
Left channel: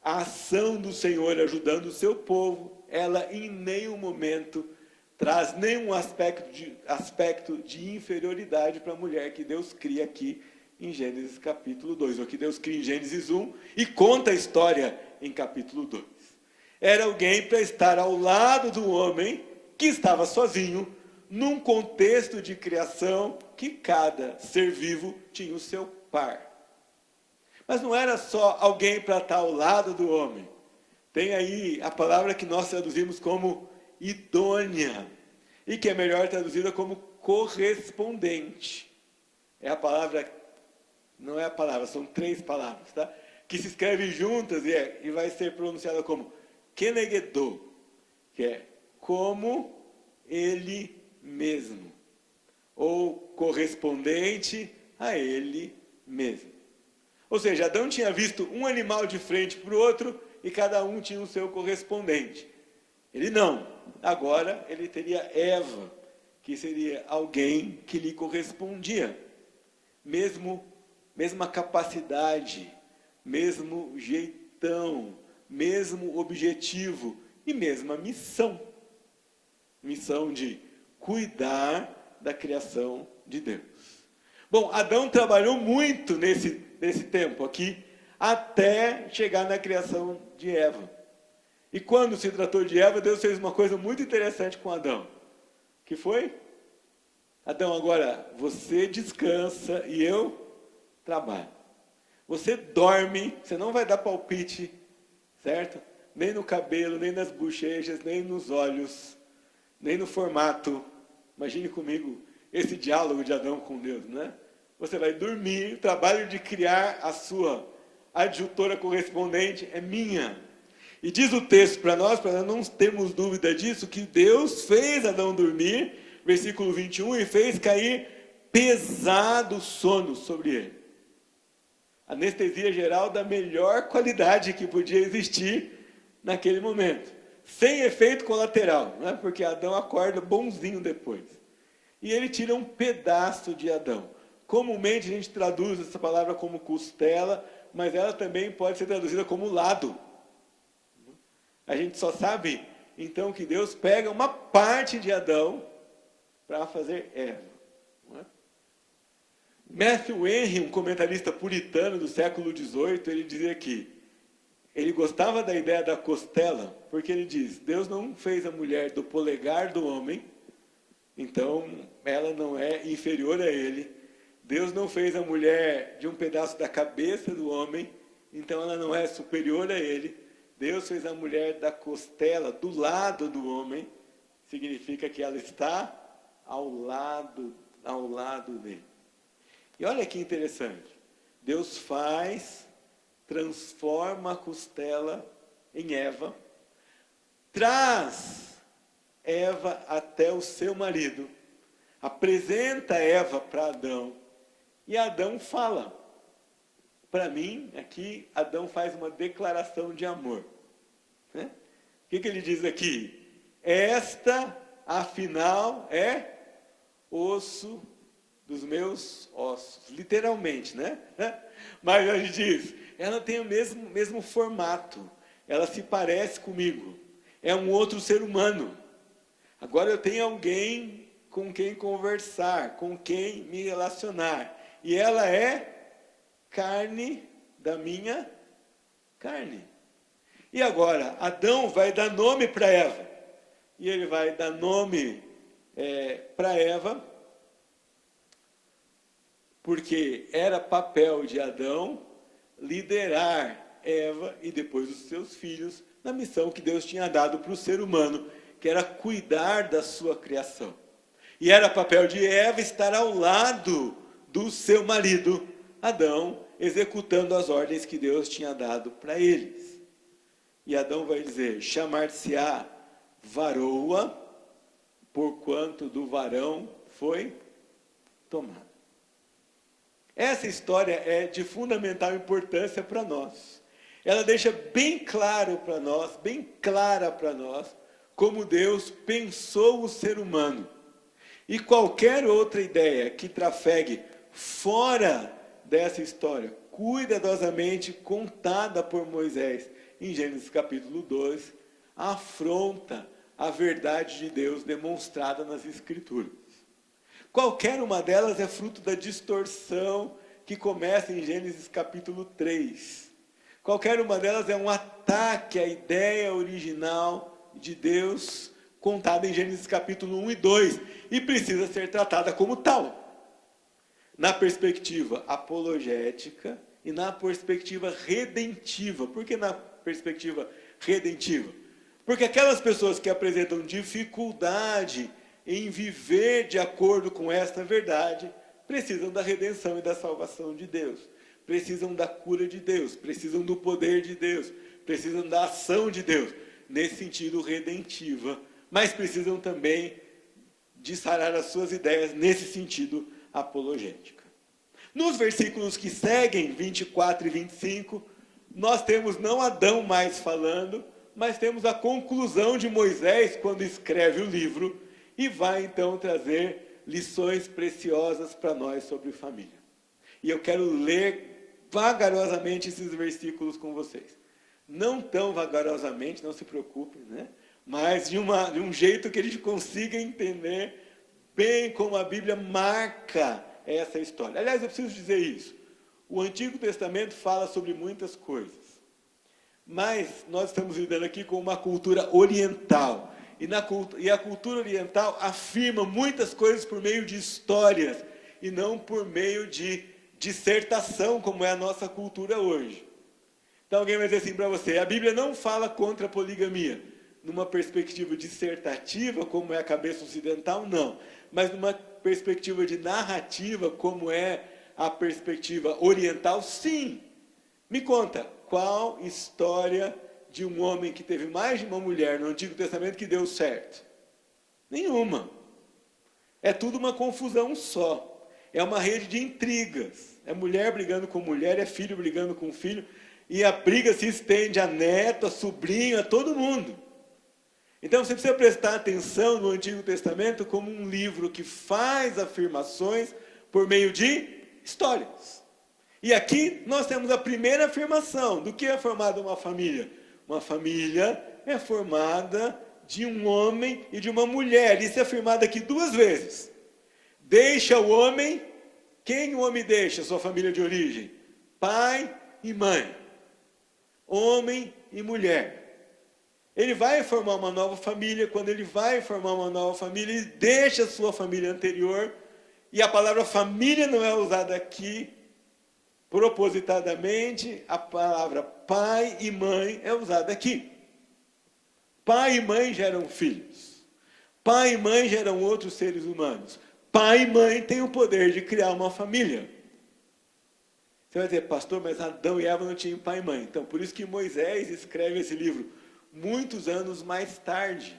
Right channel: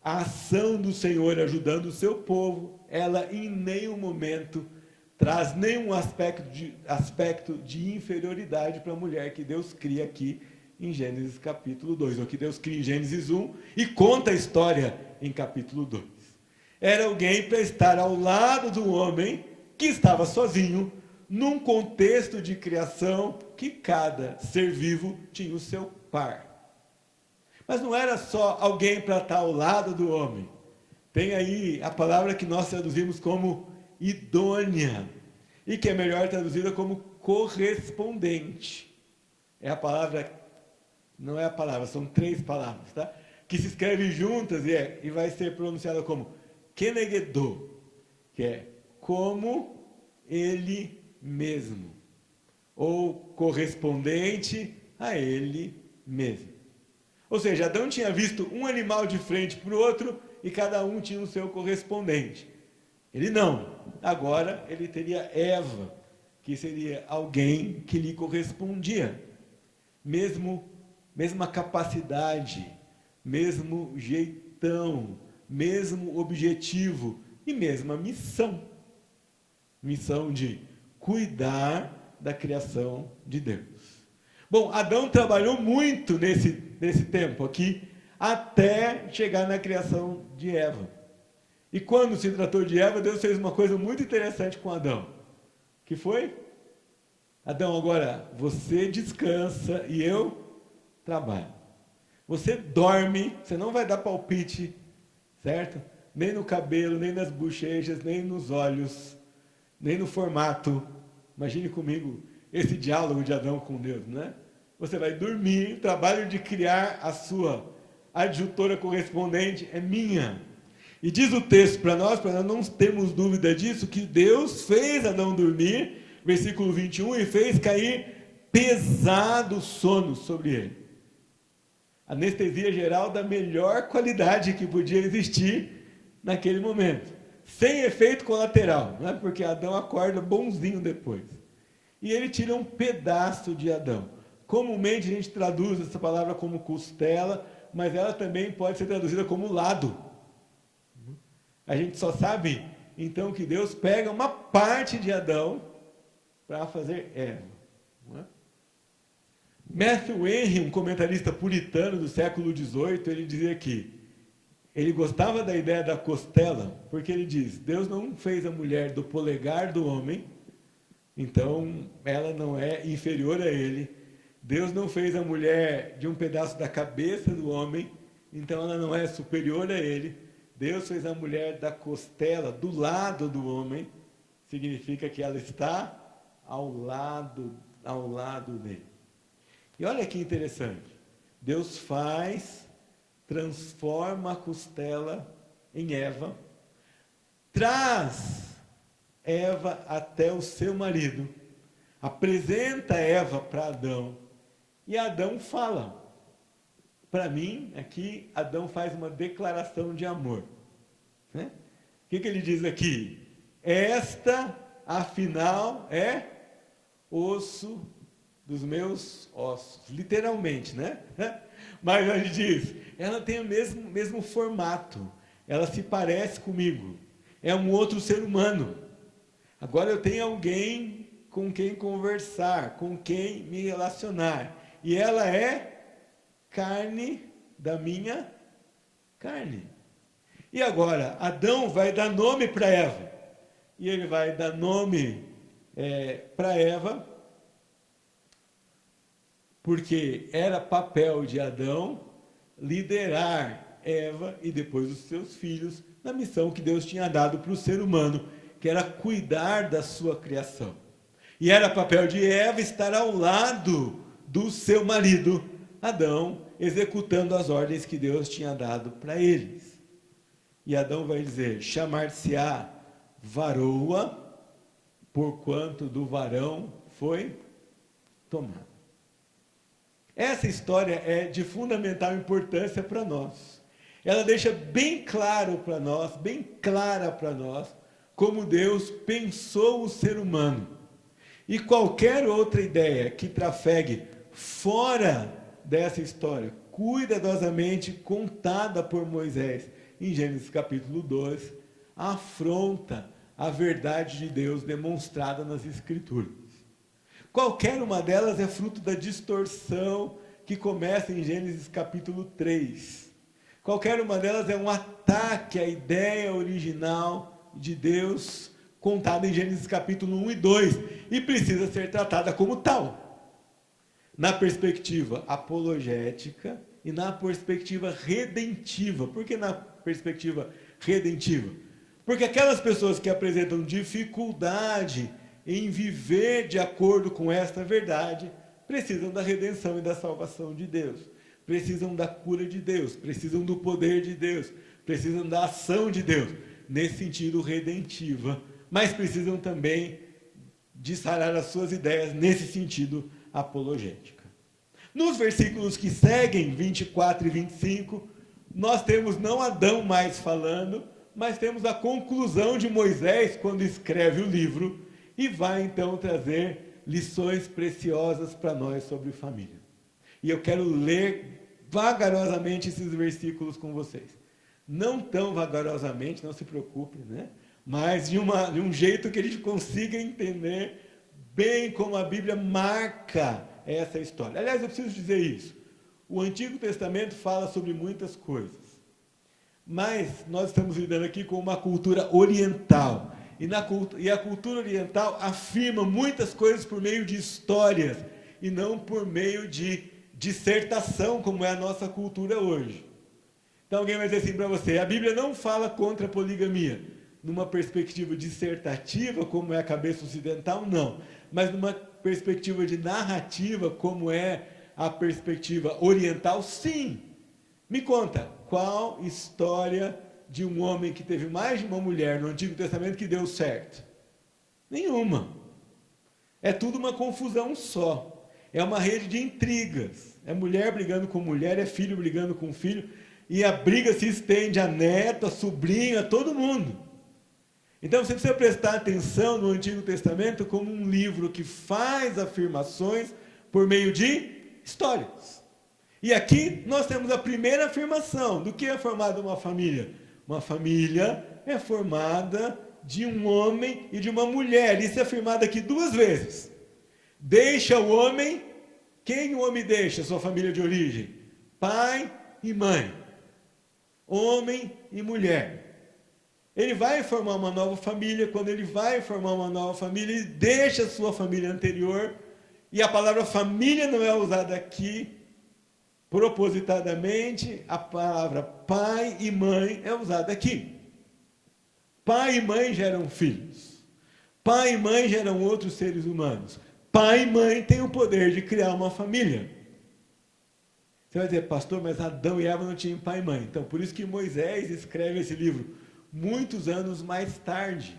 a ação do Senhor ajudando o seu povo, ela em nenhum momento traz nenhum aspecto de inferioridade para a mulher que Deus cria aqui em Gênesis capítulo 2, ou que Deus cria em Gênesis 1 e conta a história em capítulo 2. Era alguém para estar ao lado do homem que estava sozinho, num contexto de criação que cada ser vivo tinha o seu par. Mas não era só alguém para estar ao lado do homem. Tem aí a palavra que nós traduzimos como idônea, e que é melhor traduzida como correspondente. Não é a palavra, são 3 palavras, tá? Que se escrevem juntas e vai ser pronunciada como kenegedô, que é como ele mesmo, ou correspondente a ele mesmo. Ou seja, Adão tinha visto um animal de frente para o outro e cada um tinha o seu correspondente. Ele não. Agora ele teria Eva, que seria alguém que lhe correspondia. Mesma capacidade, mesmo jeitão, mesmo objetivo e mesma missão. Missão de cuidar da criação de Deus. Bom, Adão trabalhou muito nesse tempo aqui, até chegar na criação de Eva. E quando se tratou de Eva, Deus fez uma coisa muito interessante com Adão. Que foi? Adão, agora você descansa e eu trabalho. Você dorme, você não vai dar palpite, certo? Nem no cabelo, nem nas bochechas, nem nos olhos, nem no formato. Imagine comigo esse diálogo de Adão com Deus, né? Você vai dormir, o trabalho de criar a sua adjutora correspondente é minha. E diz o texto para nós não termos dúvida disso, que Deus fez Adão dormir, versículo 21, e fez cair pesado sono sobre ele. Anestesia geral da melhor qualidade que podia existir naquele momento. Sem efeito colateral, não é? Porque Adão acorda bonzinho depois. E ele tira um pedaço de Adão. Comumente a gente traduz essa palavra como costela, mas ela também pode ser traduzida como lado. A gente só sabe, então, que Deus pega uma parte de Adão para fazer Eva. Não é? Matthew Henry, um comentarista puritano do século XVIII, ele dizia que ele gostava da ideia da costela, porque ele diz: Deus não fez a mulher do polegar do homem, então ela não é inferior a ele. Deus não fez a mulher de um pedaço da cabeça do homem, então ela não é superior a ele. Deus fez a mulher da costela, do lado do homem, significa que ela está ao lado dele. E olha que interessante, Deus transforma a costela em Eva, traz Eva até o seu marido, apresenta Eva para Adão, e Adão fala. Para mim, aqui, Adão faz uma declaração de amor. Né? que ele diz aqui? Esta, afinal, é osso dos meus ossos. Literalmente, né? Mas ele diz, ela tem o mesmo formato. Ela se parece comigo. É um outro ser humano. Agora eu tenho alguém com quem conversar, com quem me relacionar. E ela é carne da minha carne. E agora, Adão vai dar nome para Eva. E ele vai dar nome para Eva, porque era papel de Adão liderar Eva e depois os seus filhos na missão que Deus tinha dado para o ser humano, que era cuidar da sua criação. E era papel de Eva estar ao lado do seu marido, Adão, executando as ordens que Deus tinha dado para eles. E Adão vai dizer, chamar-se-á varoa, porquanto do varão foi tomado. Essa história é de fundamental importância para nós. Ela deixa bem claro para nós, bem clara para nós, como Deus pensou o ser humano. E qualquer outra ideia que trafegue fora dessa história, cuidadosamente contada por Moisés, em Gênesis capítulo 2, afronta a verdade de Deus demonstrada nas Escrituras. Qualquer uma delas é fruto da distorção que começa em Gênesis capítulo 3. Qualquer uma delas é um ataque à ideia original de Deus, contada em Gênesis capítulo 1 e 2, e precisa ser tratada como tal, na perspectiva apologética e na perspectiva redentiva. Por que na perspectiva redentiva? Porque aquelas pessoas que apresentam dificuldade em viver de acordo com esta verdade, precisam da redenção e da salvação de Deus, precisam da cura de Deus, precisam do poder de Deus, precisam da ação de Deus, nesse sentido redentiva, mas precisam também de sarar as suas ideias nesse sentido apologética. Nos versículos que seguem, 24 e 25, nós temos não Adão mais falando, mas temos a conclusão de Moisés quando escreve o livro e vai então trazer lições preciosas para nós sobre família. E eu quero ler vagarosamente esses versículos com vocês. Não tão vagarosamente, não se preocupe, né? Mas de um jeito que a gente consiga entender bem como a Bíblia marca essa história. Aliás, eu preciso dizer isso. O Antigo Testamento fala sobre muitas coisas, mas nós estamos lidando aqui com uma cultura oriental. E a cultura oriental afirma muitas coisas por meio de histórias, e não por meio de dissertação, como é a nossa cultura hoje. Então alguém vai dizer assim para você, a Bíblia não fala contra a poligamia, numa perspectiva dissertativa, como é a cabeça ocidental, não. Mas numa perspectiva de narrativa, como é a perspectiva oriental, sim. Me conta, qual história de um homem que teve mais de uma mulher no Antigo Testamento que deu certo? Nenhuma. É tudo uma confusão só. É uma rede de intrigas. É mulher brigando com mulher, é filho brigando com filho, e a briga se estende a neto, a sobrinho, a todo mundo. Então você precisa prestar atenção no Antigo Testamento como um livro que faz afirmações por meio de histórias. E aqui nós temos a primeira afirmação do que é formada uma família. Uma família é formada de um homem e de uma mulher. Isso é afirmado aqui duas vezes. Deixa o homem, quem o homem deixa? Sua família de origem? Pai e mãe. Homem e mulher. Ele vai formar uma nova família. Quando ele vai formar uma nova família, ele deixa a sua família anterior. E a palavra família não é usada aqui propositadamente. A palavra pai e mãe é usada aqui. Pai e mãe geram filhos. Pai e mãe geram outros seres humanos. Pai e mãe têm o poder de criar uma família. Você vai dizer, pastor, mas Adão e Eva não tinham pai e mãe. Então, por isso que Moisés escreve esse livro muitos anos mais tarde.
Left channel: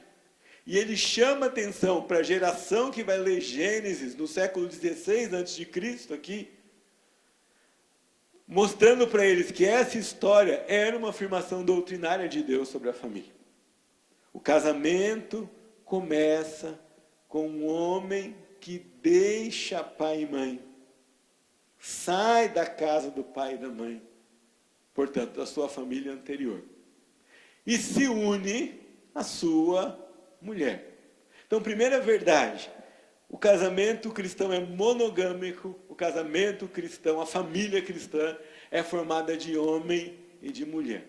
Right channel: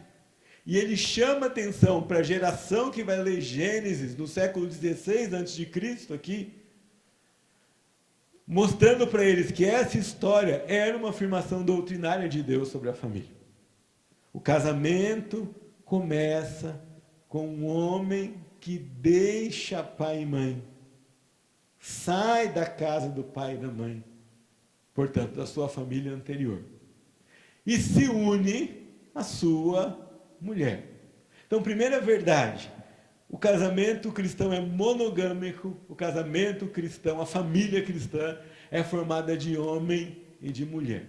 E ele chama atenção para a geração que vai ler Gênesis no século XVI a.C. aqui, mostrando para eles que essa história era uma afirmação doutrinária de Deus sobre a família. O casamento começa com um homem que deixa pai e mãe, sai da casa do pai e da mãe, portanto, da sua família anterior, e se une à sua mulher. Então, primeira verdade, o casamento cristão é monogâmico, o casamento cristão, a família cristã é formada de homem e de mulher.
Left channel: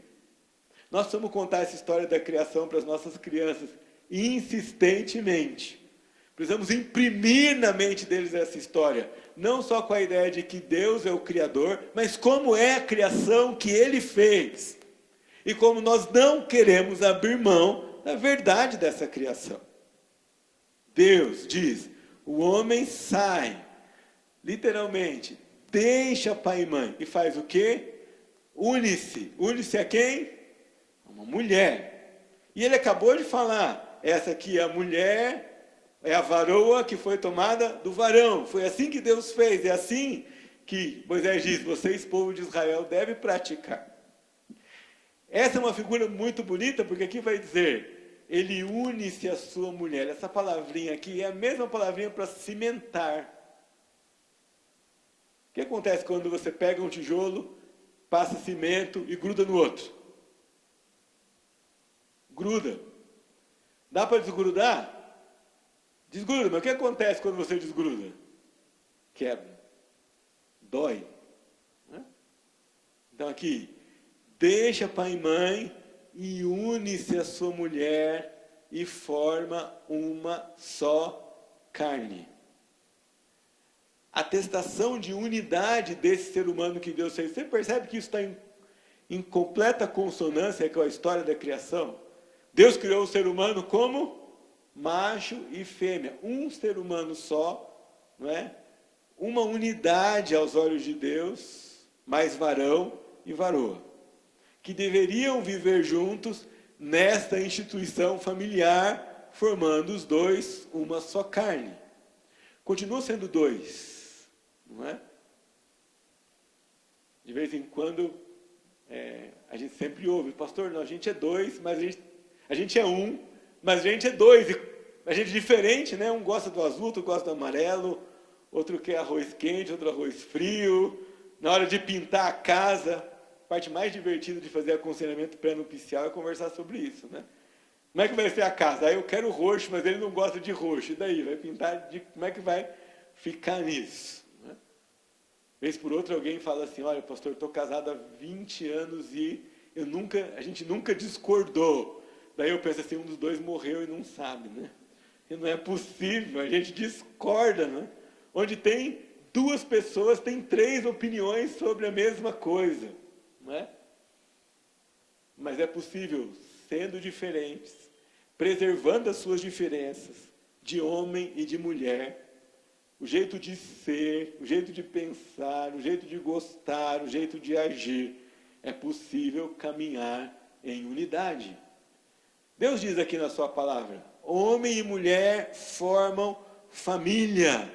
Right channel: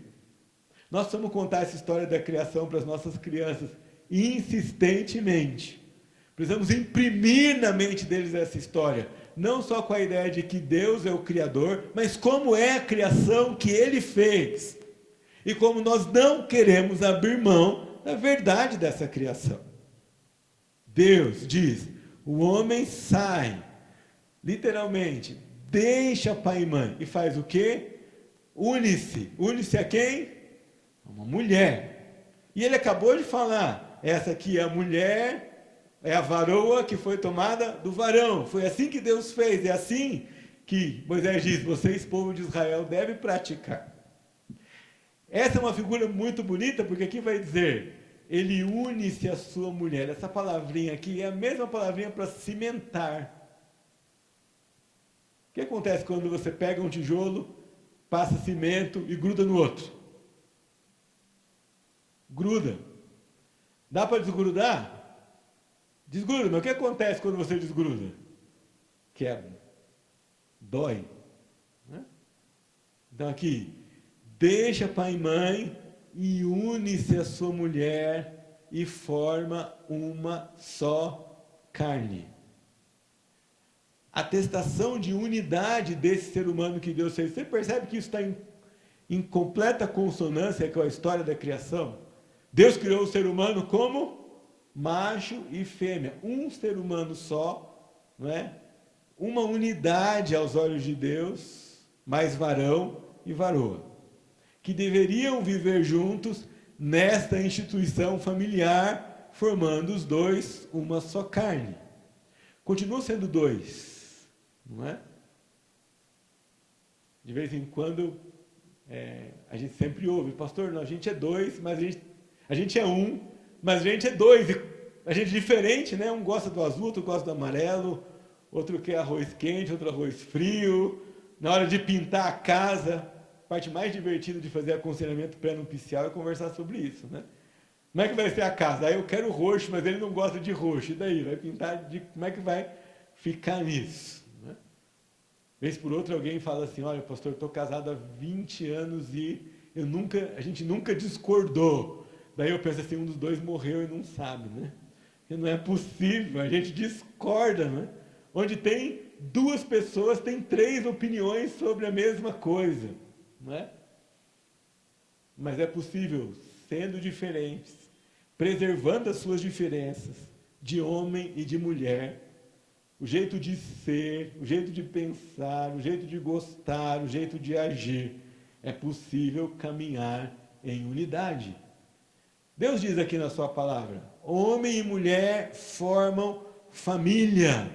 Nós vamos contar essa história da criação para as nossas crianças insistentemente. Precisamos imprimir na mente deles essa história, não só com a ideia de que Deus é o Criador, mas como é a criação que Ele fez. E como nós não queremos abrir mão da verdade dessa criação. Deus diz, o homem sai, literalmente, deixa pai e mãe, e faz o quê? Une-se. Une-se a quem? A uma mulher. E ele acabou de falar, essa aqui é a mulher, é a varoa que foi tomada do varão. Foi assim que Deus fez, é assim que Moisés diz, vocês, povo de Israel, devem praticar. Essa é uma figura muito bonita, porque aqui vai dizer, ele une-se à sua mulher. Essa palavrinha aqui é a mesma palavrinha para cimentar. O que acontece quando você pega um tijolo, passa cimento e gruda no outro? Gruda. Dá para desgrudar? Desgruda, mas o que acontece quando você desgruda? Quebra. Dói. Então aqui, deixa pai e mãe e une-se à sua mulher e forma uma só carne. A atestação de unidade desse ser humano que Deus fez. Você percebe que isso está em completa consonância com a história da criação? Deus criou o ser humano como macho e fêmea, um ser humano só, não é? Uma unidade aos olhos de Deus, mais varão e varoa, que deveriam viver juntos nesta instituição familiar, formando os dois uma só carne. Continuam sendo dois, não é? De vez em quando, a gente sempre ouve, pastor, não, a gente é dois, mas a gente é um, mas a gente é dois, e a gente é diferente, né? Um gosta do azul, outro gosta do amarelo, outro quer arroz quente, outro arroz frio. Na hora de pintar a casa, a parte mais divertida de fazer aconselhamento pré-nupcial é conversar sobre isso, né? Como é que vai ser a casa? Aí eu quero roxo, mas ele não gosta de roxo. E daí? Vai pintar de... Como é que vai ficar nisso? Né? Vez por outra alguém fala assim, olha, pastor, estou casado há 20 anos e a gente nunca discordou. Daí eu penso assim, um dos dois morreu e não sabe, né? E não é possível, a gente discorda, né? Onde tem duas pessoas, tem 3 opiniões sobre a mesma coisa, não é? Mas é possível, sendo diferentes, preservando as suas diferenças, de homem e de mulher, o jeito de ser, o jeito de pensar, o jeito de gostar, o jeito de agir, é possível caminhar em unidade. Deus diz aqui na sua palavra, homem e mulher formam família,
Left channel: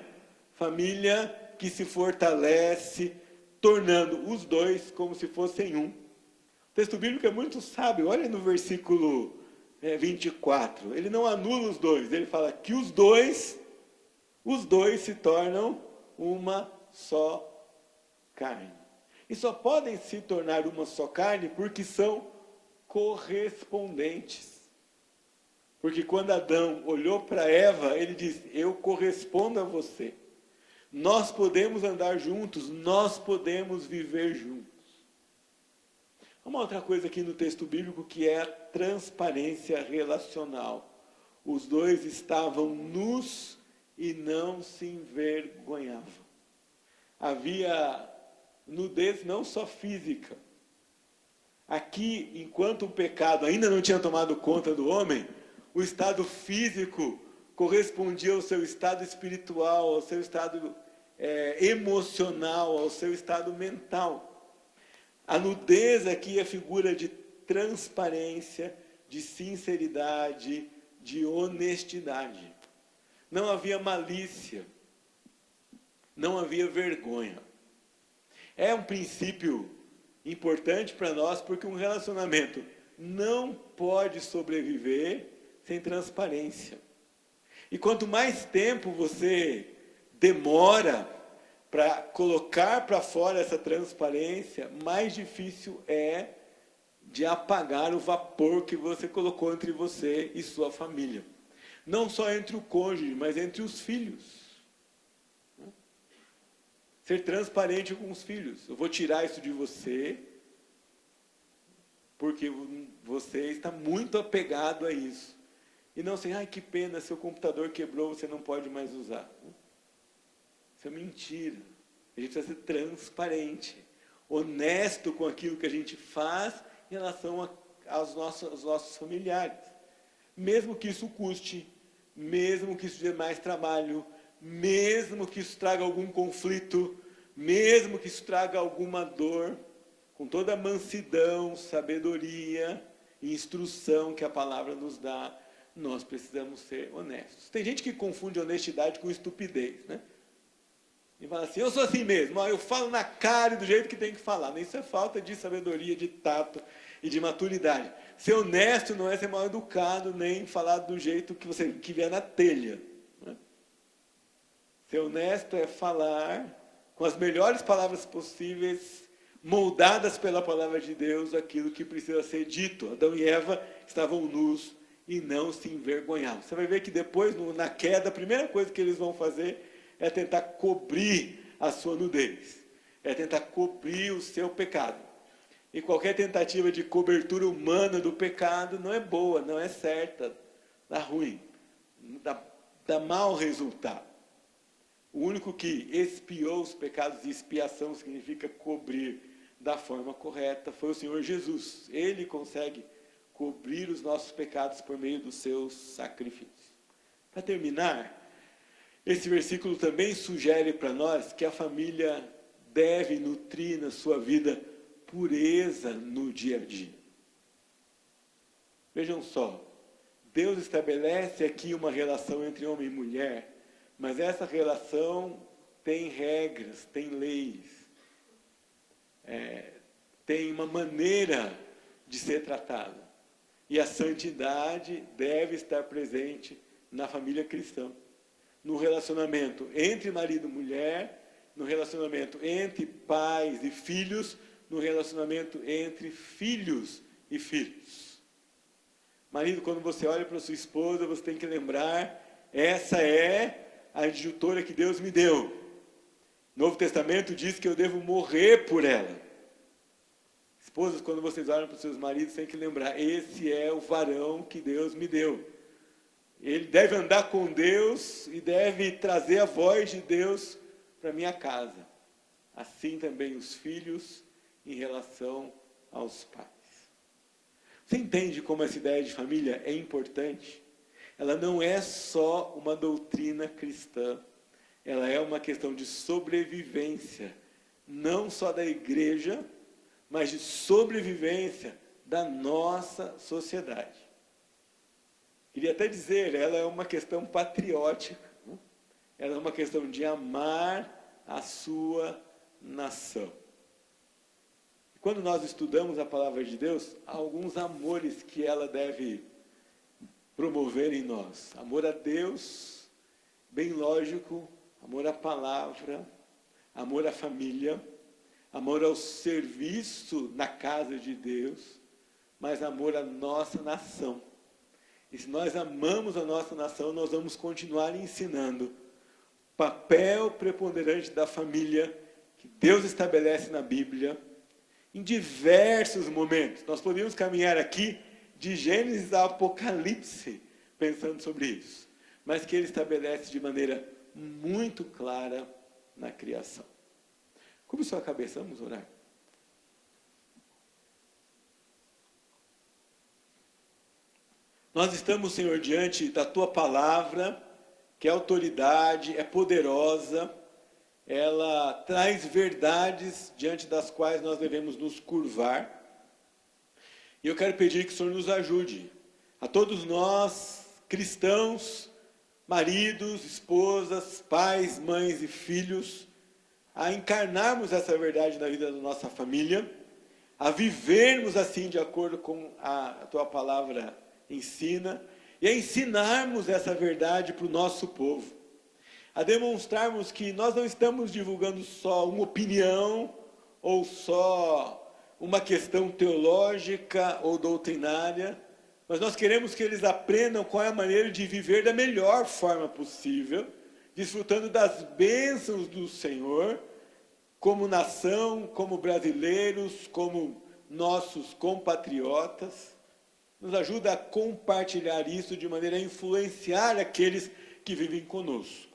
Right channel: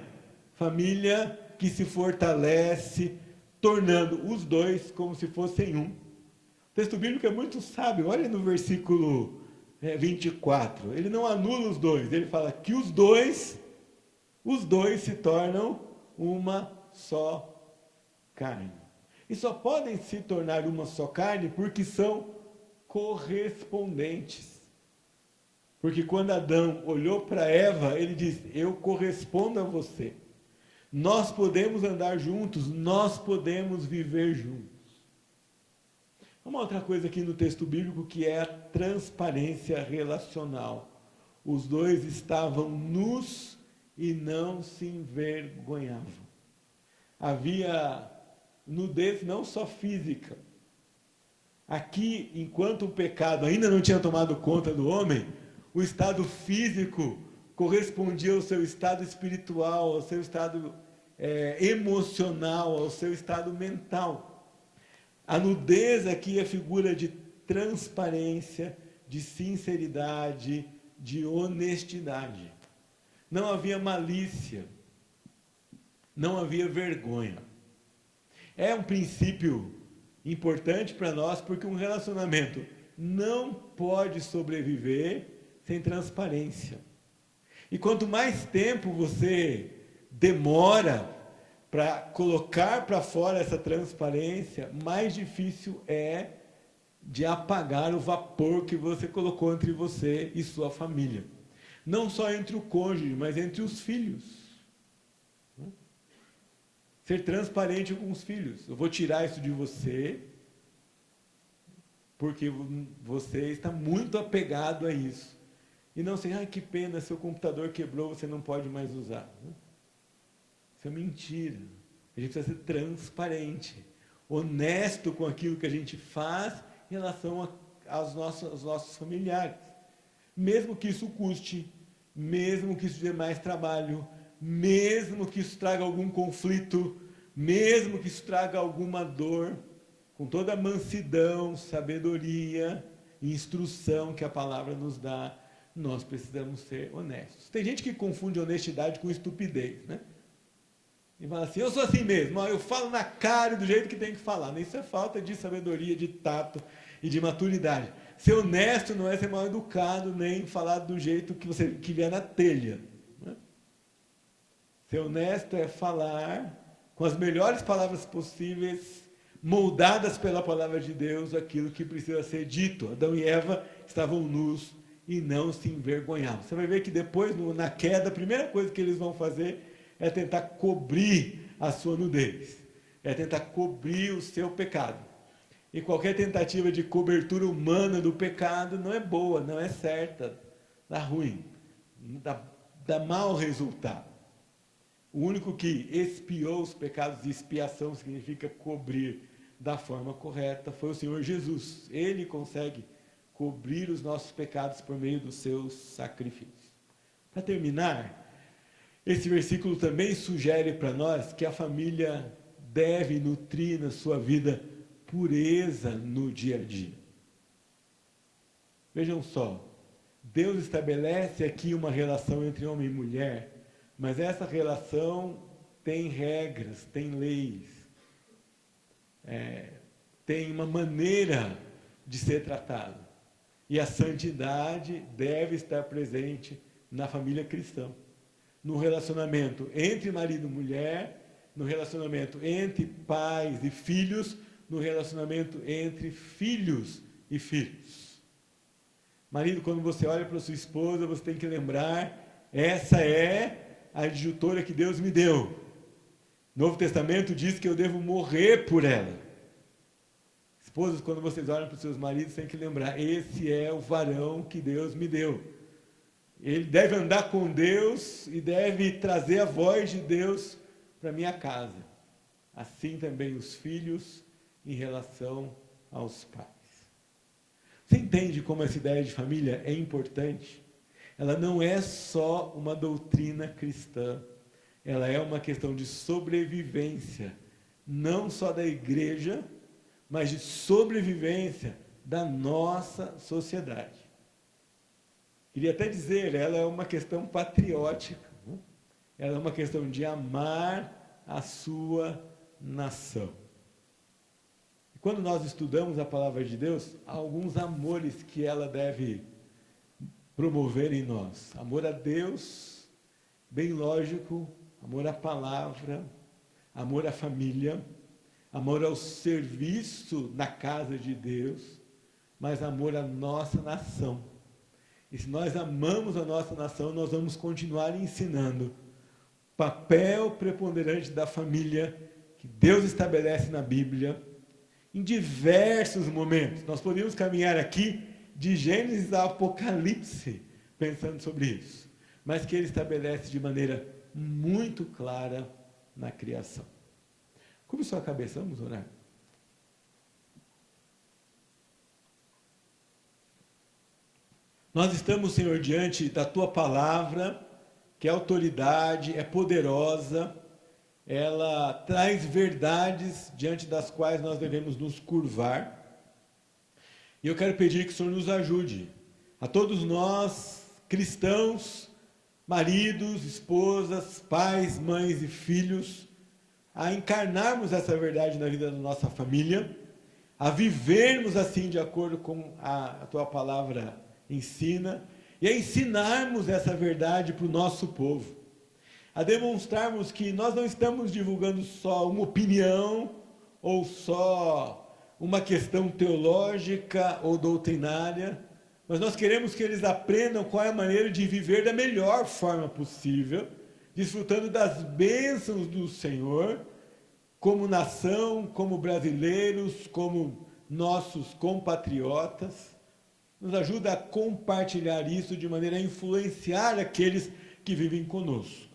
família que se fortalece, tornando os dois como se fossem um. O texto bíblico é muito sábio, olha no versículo 24, ele não anula os dois, ele fala que os dois se tornam uma só carne. E só podem se tornar uma só carne porque são correspondentes. Porque quando Adão olhou para Eva, ele disse, eu correspondo a você. Nós podemos andar juntos, nós podemos viver juntos. Uma outra coisa aqui no texto bíblico que é a transparência relacional. Os dois estavam nus e não se envergonhavam. Havia nudez não só física. Aqui, enquanto o pecado ainda não tinha tomado conta do homem, o estado físico correspondia ao seu estado espiritual, ao seu estado emocional, ao seu estado mental. A nudez aqui é figura de transparência, de sinceridade, de honestidade. Não havia malícia, não havia vergonha. É um princípio importante para nós, porque um relacionamento não pode sobreviver sem transparência. E quanto mais tempo você demora para colocar para fora essa transparência, mais difícil é de apagar o vapor que você colocou entre você e sua família. Não só entre o cônjuge, mas entre os filhos. Ser transparente com os filhos. Eu vou tirar isso de você, porque você está muito apegado a isso. E não assim, ai, que pena, seu computador quebrou, você não pode mais usar. Isso é mentira. A gente precisa ser transparente, honesto com aquilo que a gente faz em relação aos nossos familiares. Mesmo que isso custe, mesmo que isso dê mais trabalho, mesmo que isso traga algum conflito, mesmo que isso traga alguma dor, com toda a mansidão, sabedoria e instrução que a palavra nos dá, nós precisamos ser honestos. Tem gente que confunde honestidade com estupidez, né? E fala assim, eu sou assim mesmo, eu falo na cara e do jeito que tem que falar. Isso é falta de sabedoria, de tato e de maturidade. Ser honesto não é ser mal educado, nem falar do jeito que vier na telha. Né? Ser honesto é falar com as melhores palavras possíveis, moldadas pela palavra de Deus, aquilo que precisa ser dito. Adão e Eva estavam nus e não se envergonhavam. Você vai ver que depois, na queda, a primeira coisa que eles vão fazer é tentar cobrir a sua nudez, é tentar cobrir o seu pecado. E qualquer tentativa de cobertura humana do pecado não é boa, não é certa, dá ruim, dá mau resultado. O único que expiou os pecados, e expiação significa cobrir da forma correta, foi o Senhor Jesus. Ele consegue cobrir os nossos pecados por meio dos seus sacrifícios. Para terminar, esse versículo também sugere para nós que a família deve nutrir na sua vida pureza no dia a dia. Vejam só, Deus estabelece aqui uma relação entre homem e mulher, mas essa relação tem regras, tem leis, tem uma maneira de ser tratada. E a santidade deve estar presente na família cristã. No relacionamento entre marido e mulher, no relacionamento entre pais e filhos, no relacionamento entre filhos e filhos. Marido, quando você olha para sua esposa, você tem que lembrar, essa é a adjutora que Deus me deu. O Novo Testamento diz que eu devo morrer por ela. Esposas, quando vocês olham para os seus maridos, tem que lembrar, esse é o varão que Deus me deu. Ele deve andar com Deus e deve trazer a voz de Deus para minha casa. Assim também os filhos em relação aos pais. Você entende como essa ideia de família é importante? Ela não é só uma doutrina cristã, ela é uma questão de sobrevivência, não só da igreja, mas de sobrevivência da nossa sociedade. Queria até dizer, ela é uma questão patriótica, né? Ela é uma questão de amar a sua nação. E quando nós estudamos a palavra de Deus, há alguns amores que ela deve promover em nós. Amor a Deus, bem lógico, amor à palavra, amor à família, amor ao serviço na casa de Deus, mas amor à nossa nação. E se nós amamos a nossa nação, nós vamos continuar ensinando o papel preponderante da família que Deus estabelece na Bíblia em diversos momentos. Nós podemos caminhar aqui de Gênesis a Apocalipse pensando sobre isso, mas que Ele estabelece de maneira muito clara na criação. Curva sua cabeça, vamos orar. Nós estamos, Senhor, diante da Tua palavra, que é autoridade, é poderosa, ela traz verdades diante das quais nós devemos nos curvar. E eu quero pedir que o Senhor nos ajude, a todos nós, cristãos, maridos, esposas, pais, mães e filhos, a encarnarmos essa verdade na vida da nossa família, a vivermos assim de acordo com a Tua palavra ensina, e a ensinarmos essa verdade para o nosso povo, a demonstrarmos que nós não estamos divulgando só uma opinião ou só uma questão teológica ou doutrinária, mas nós queremos que eles aprendam qual é a maneira de viver da melhor forma possível, desfrutando das bênçãos do Senhor, como nação, como brasileiros, como nossos compatriotas. Nos ajuda a compartilhar isso de maneira a influenciar aqueles que vivem conosco.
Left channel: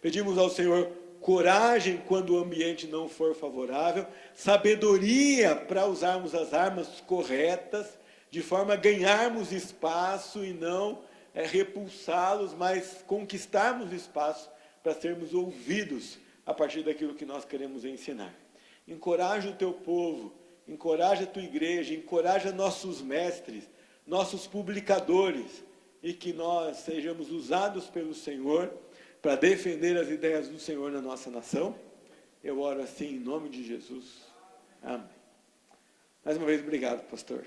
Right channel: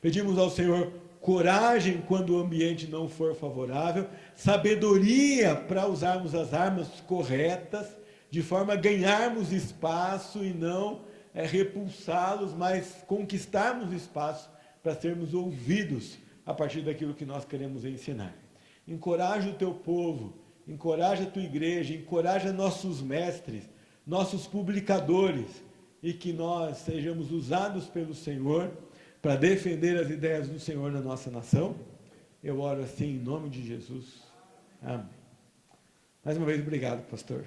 Pedimos ao Senhor coragem quando o ambiente não for favorável, sabedoria para usarmos as armas corretas, de forma a ganharmos espaço e não repulsá-los, mas conquistarmos espaço para sermos ouvidos a partir daquilo que nós queremos ensinar. Encoraja o teu povo, encoraja a tua igreja, encoraja nossos mestres, nossos publicadores, e que nós sejamos usados pelo Senhor para defender as ideias do Senhor na nossa nação. Eu oro assim em nome de Jesus. Amém. Mais uma vez, obrigado, pastor.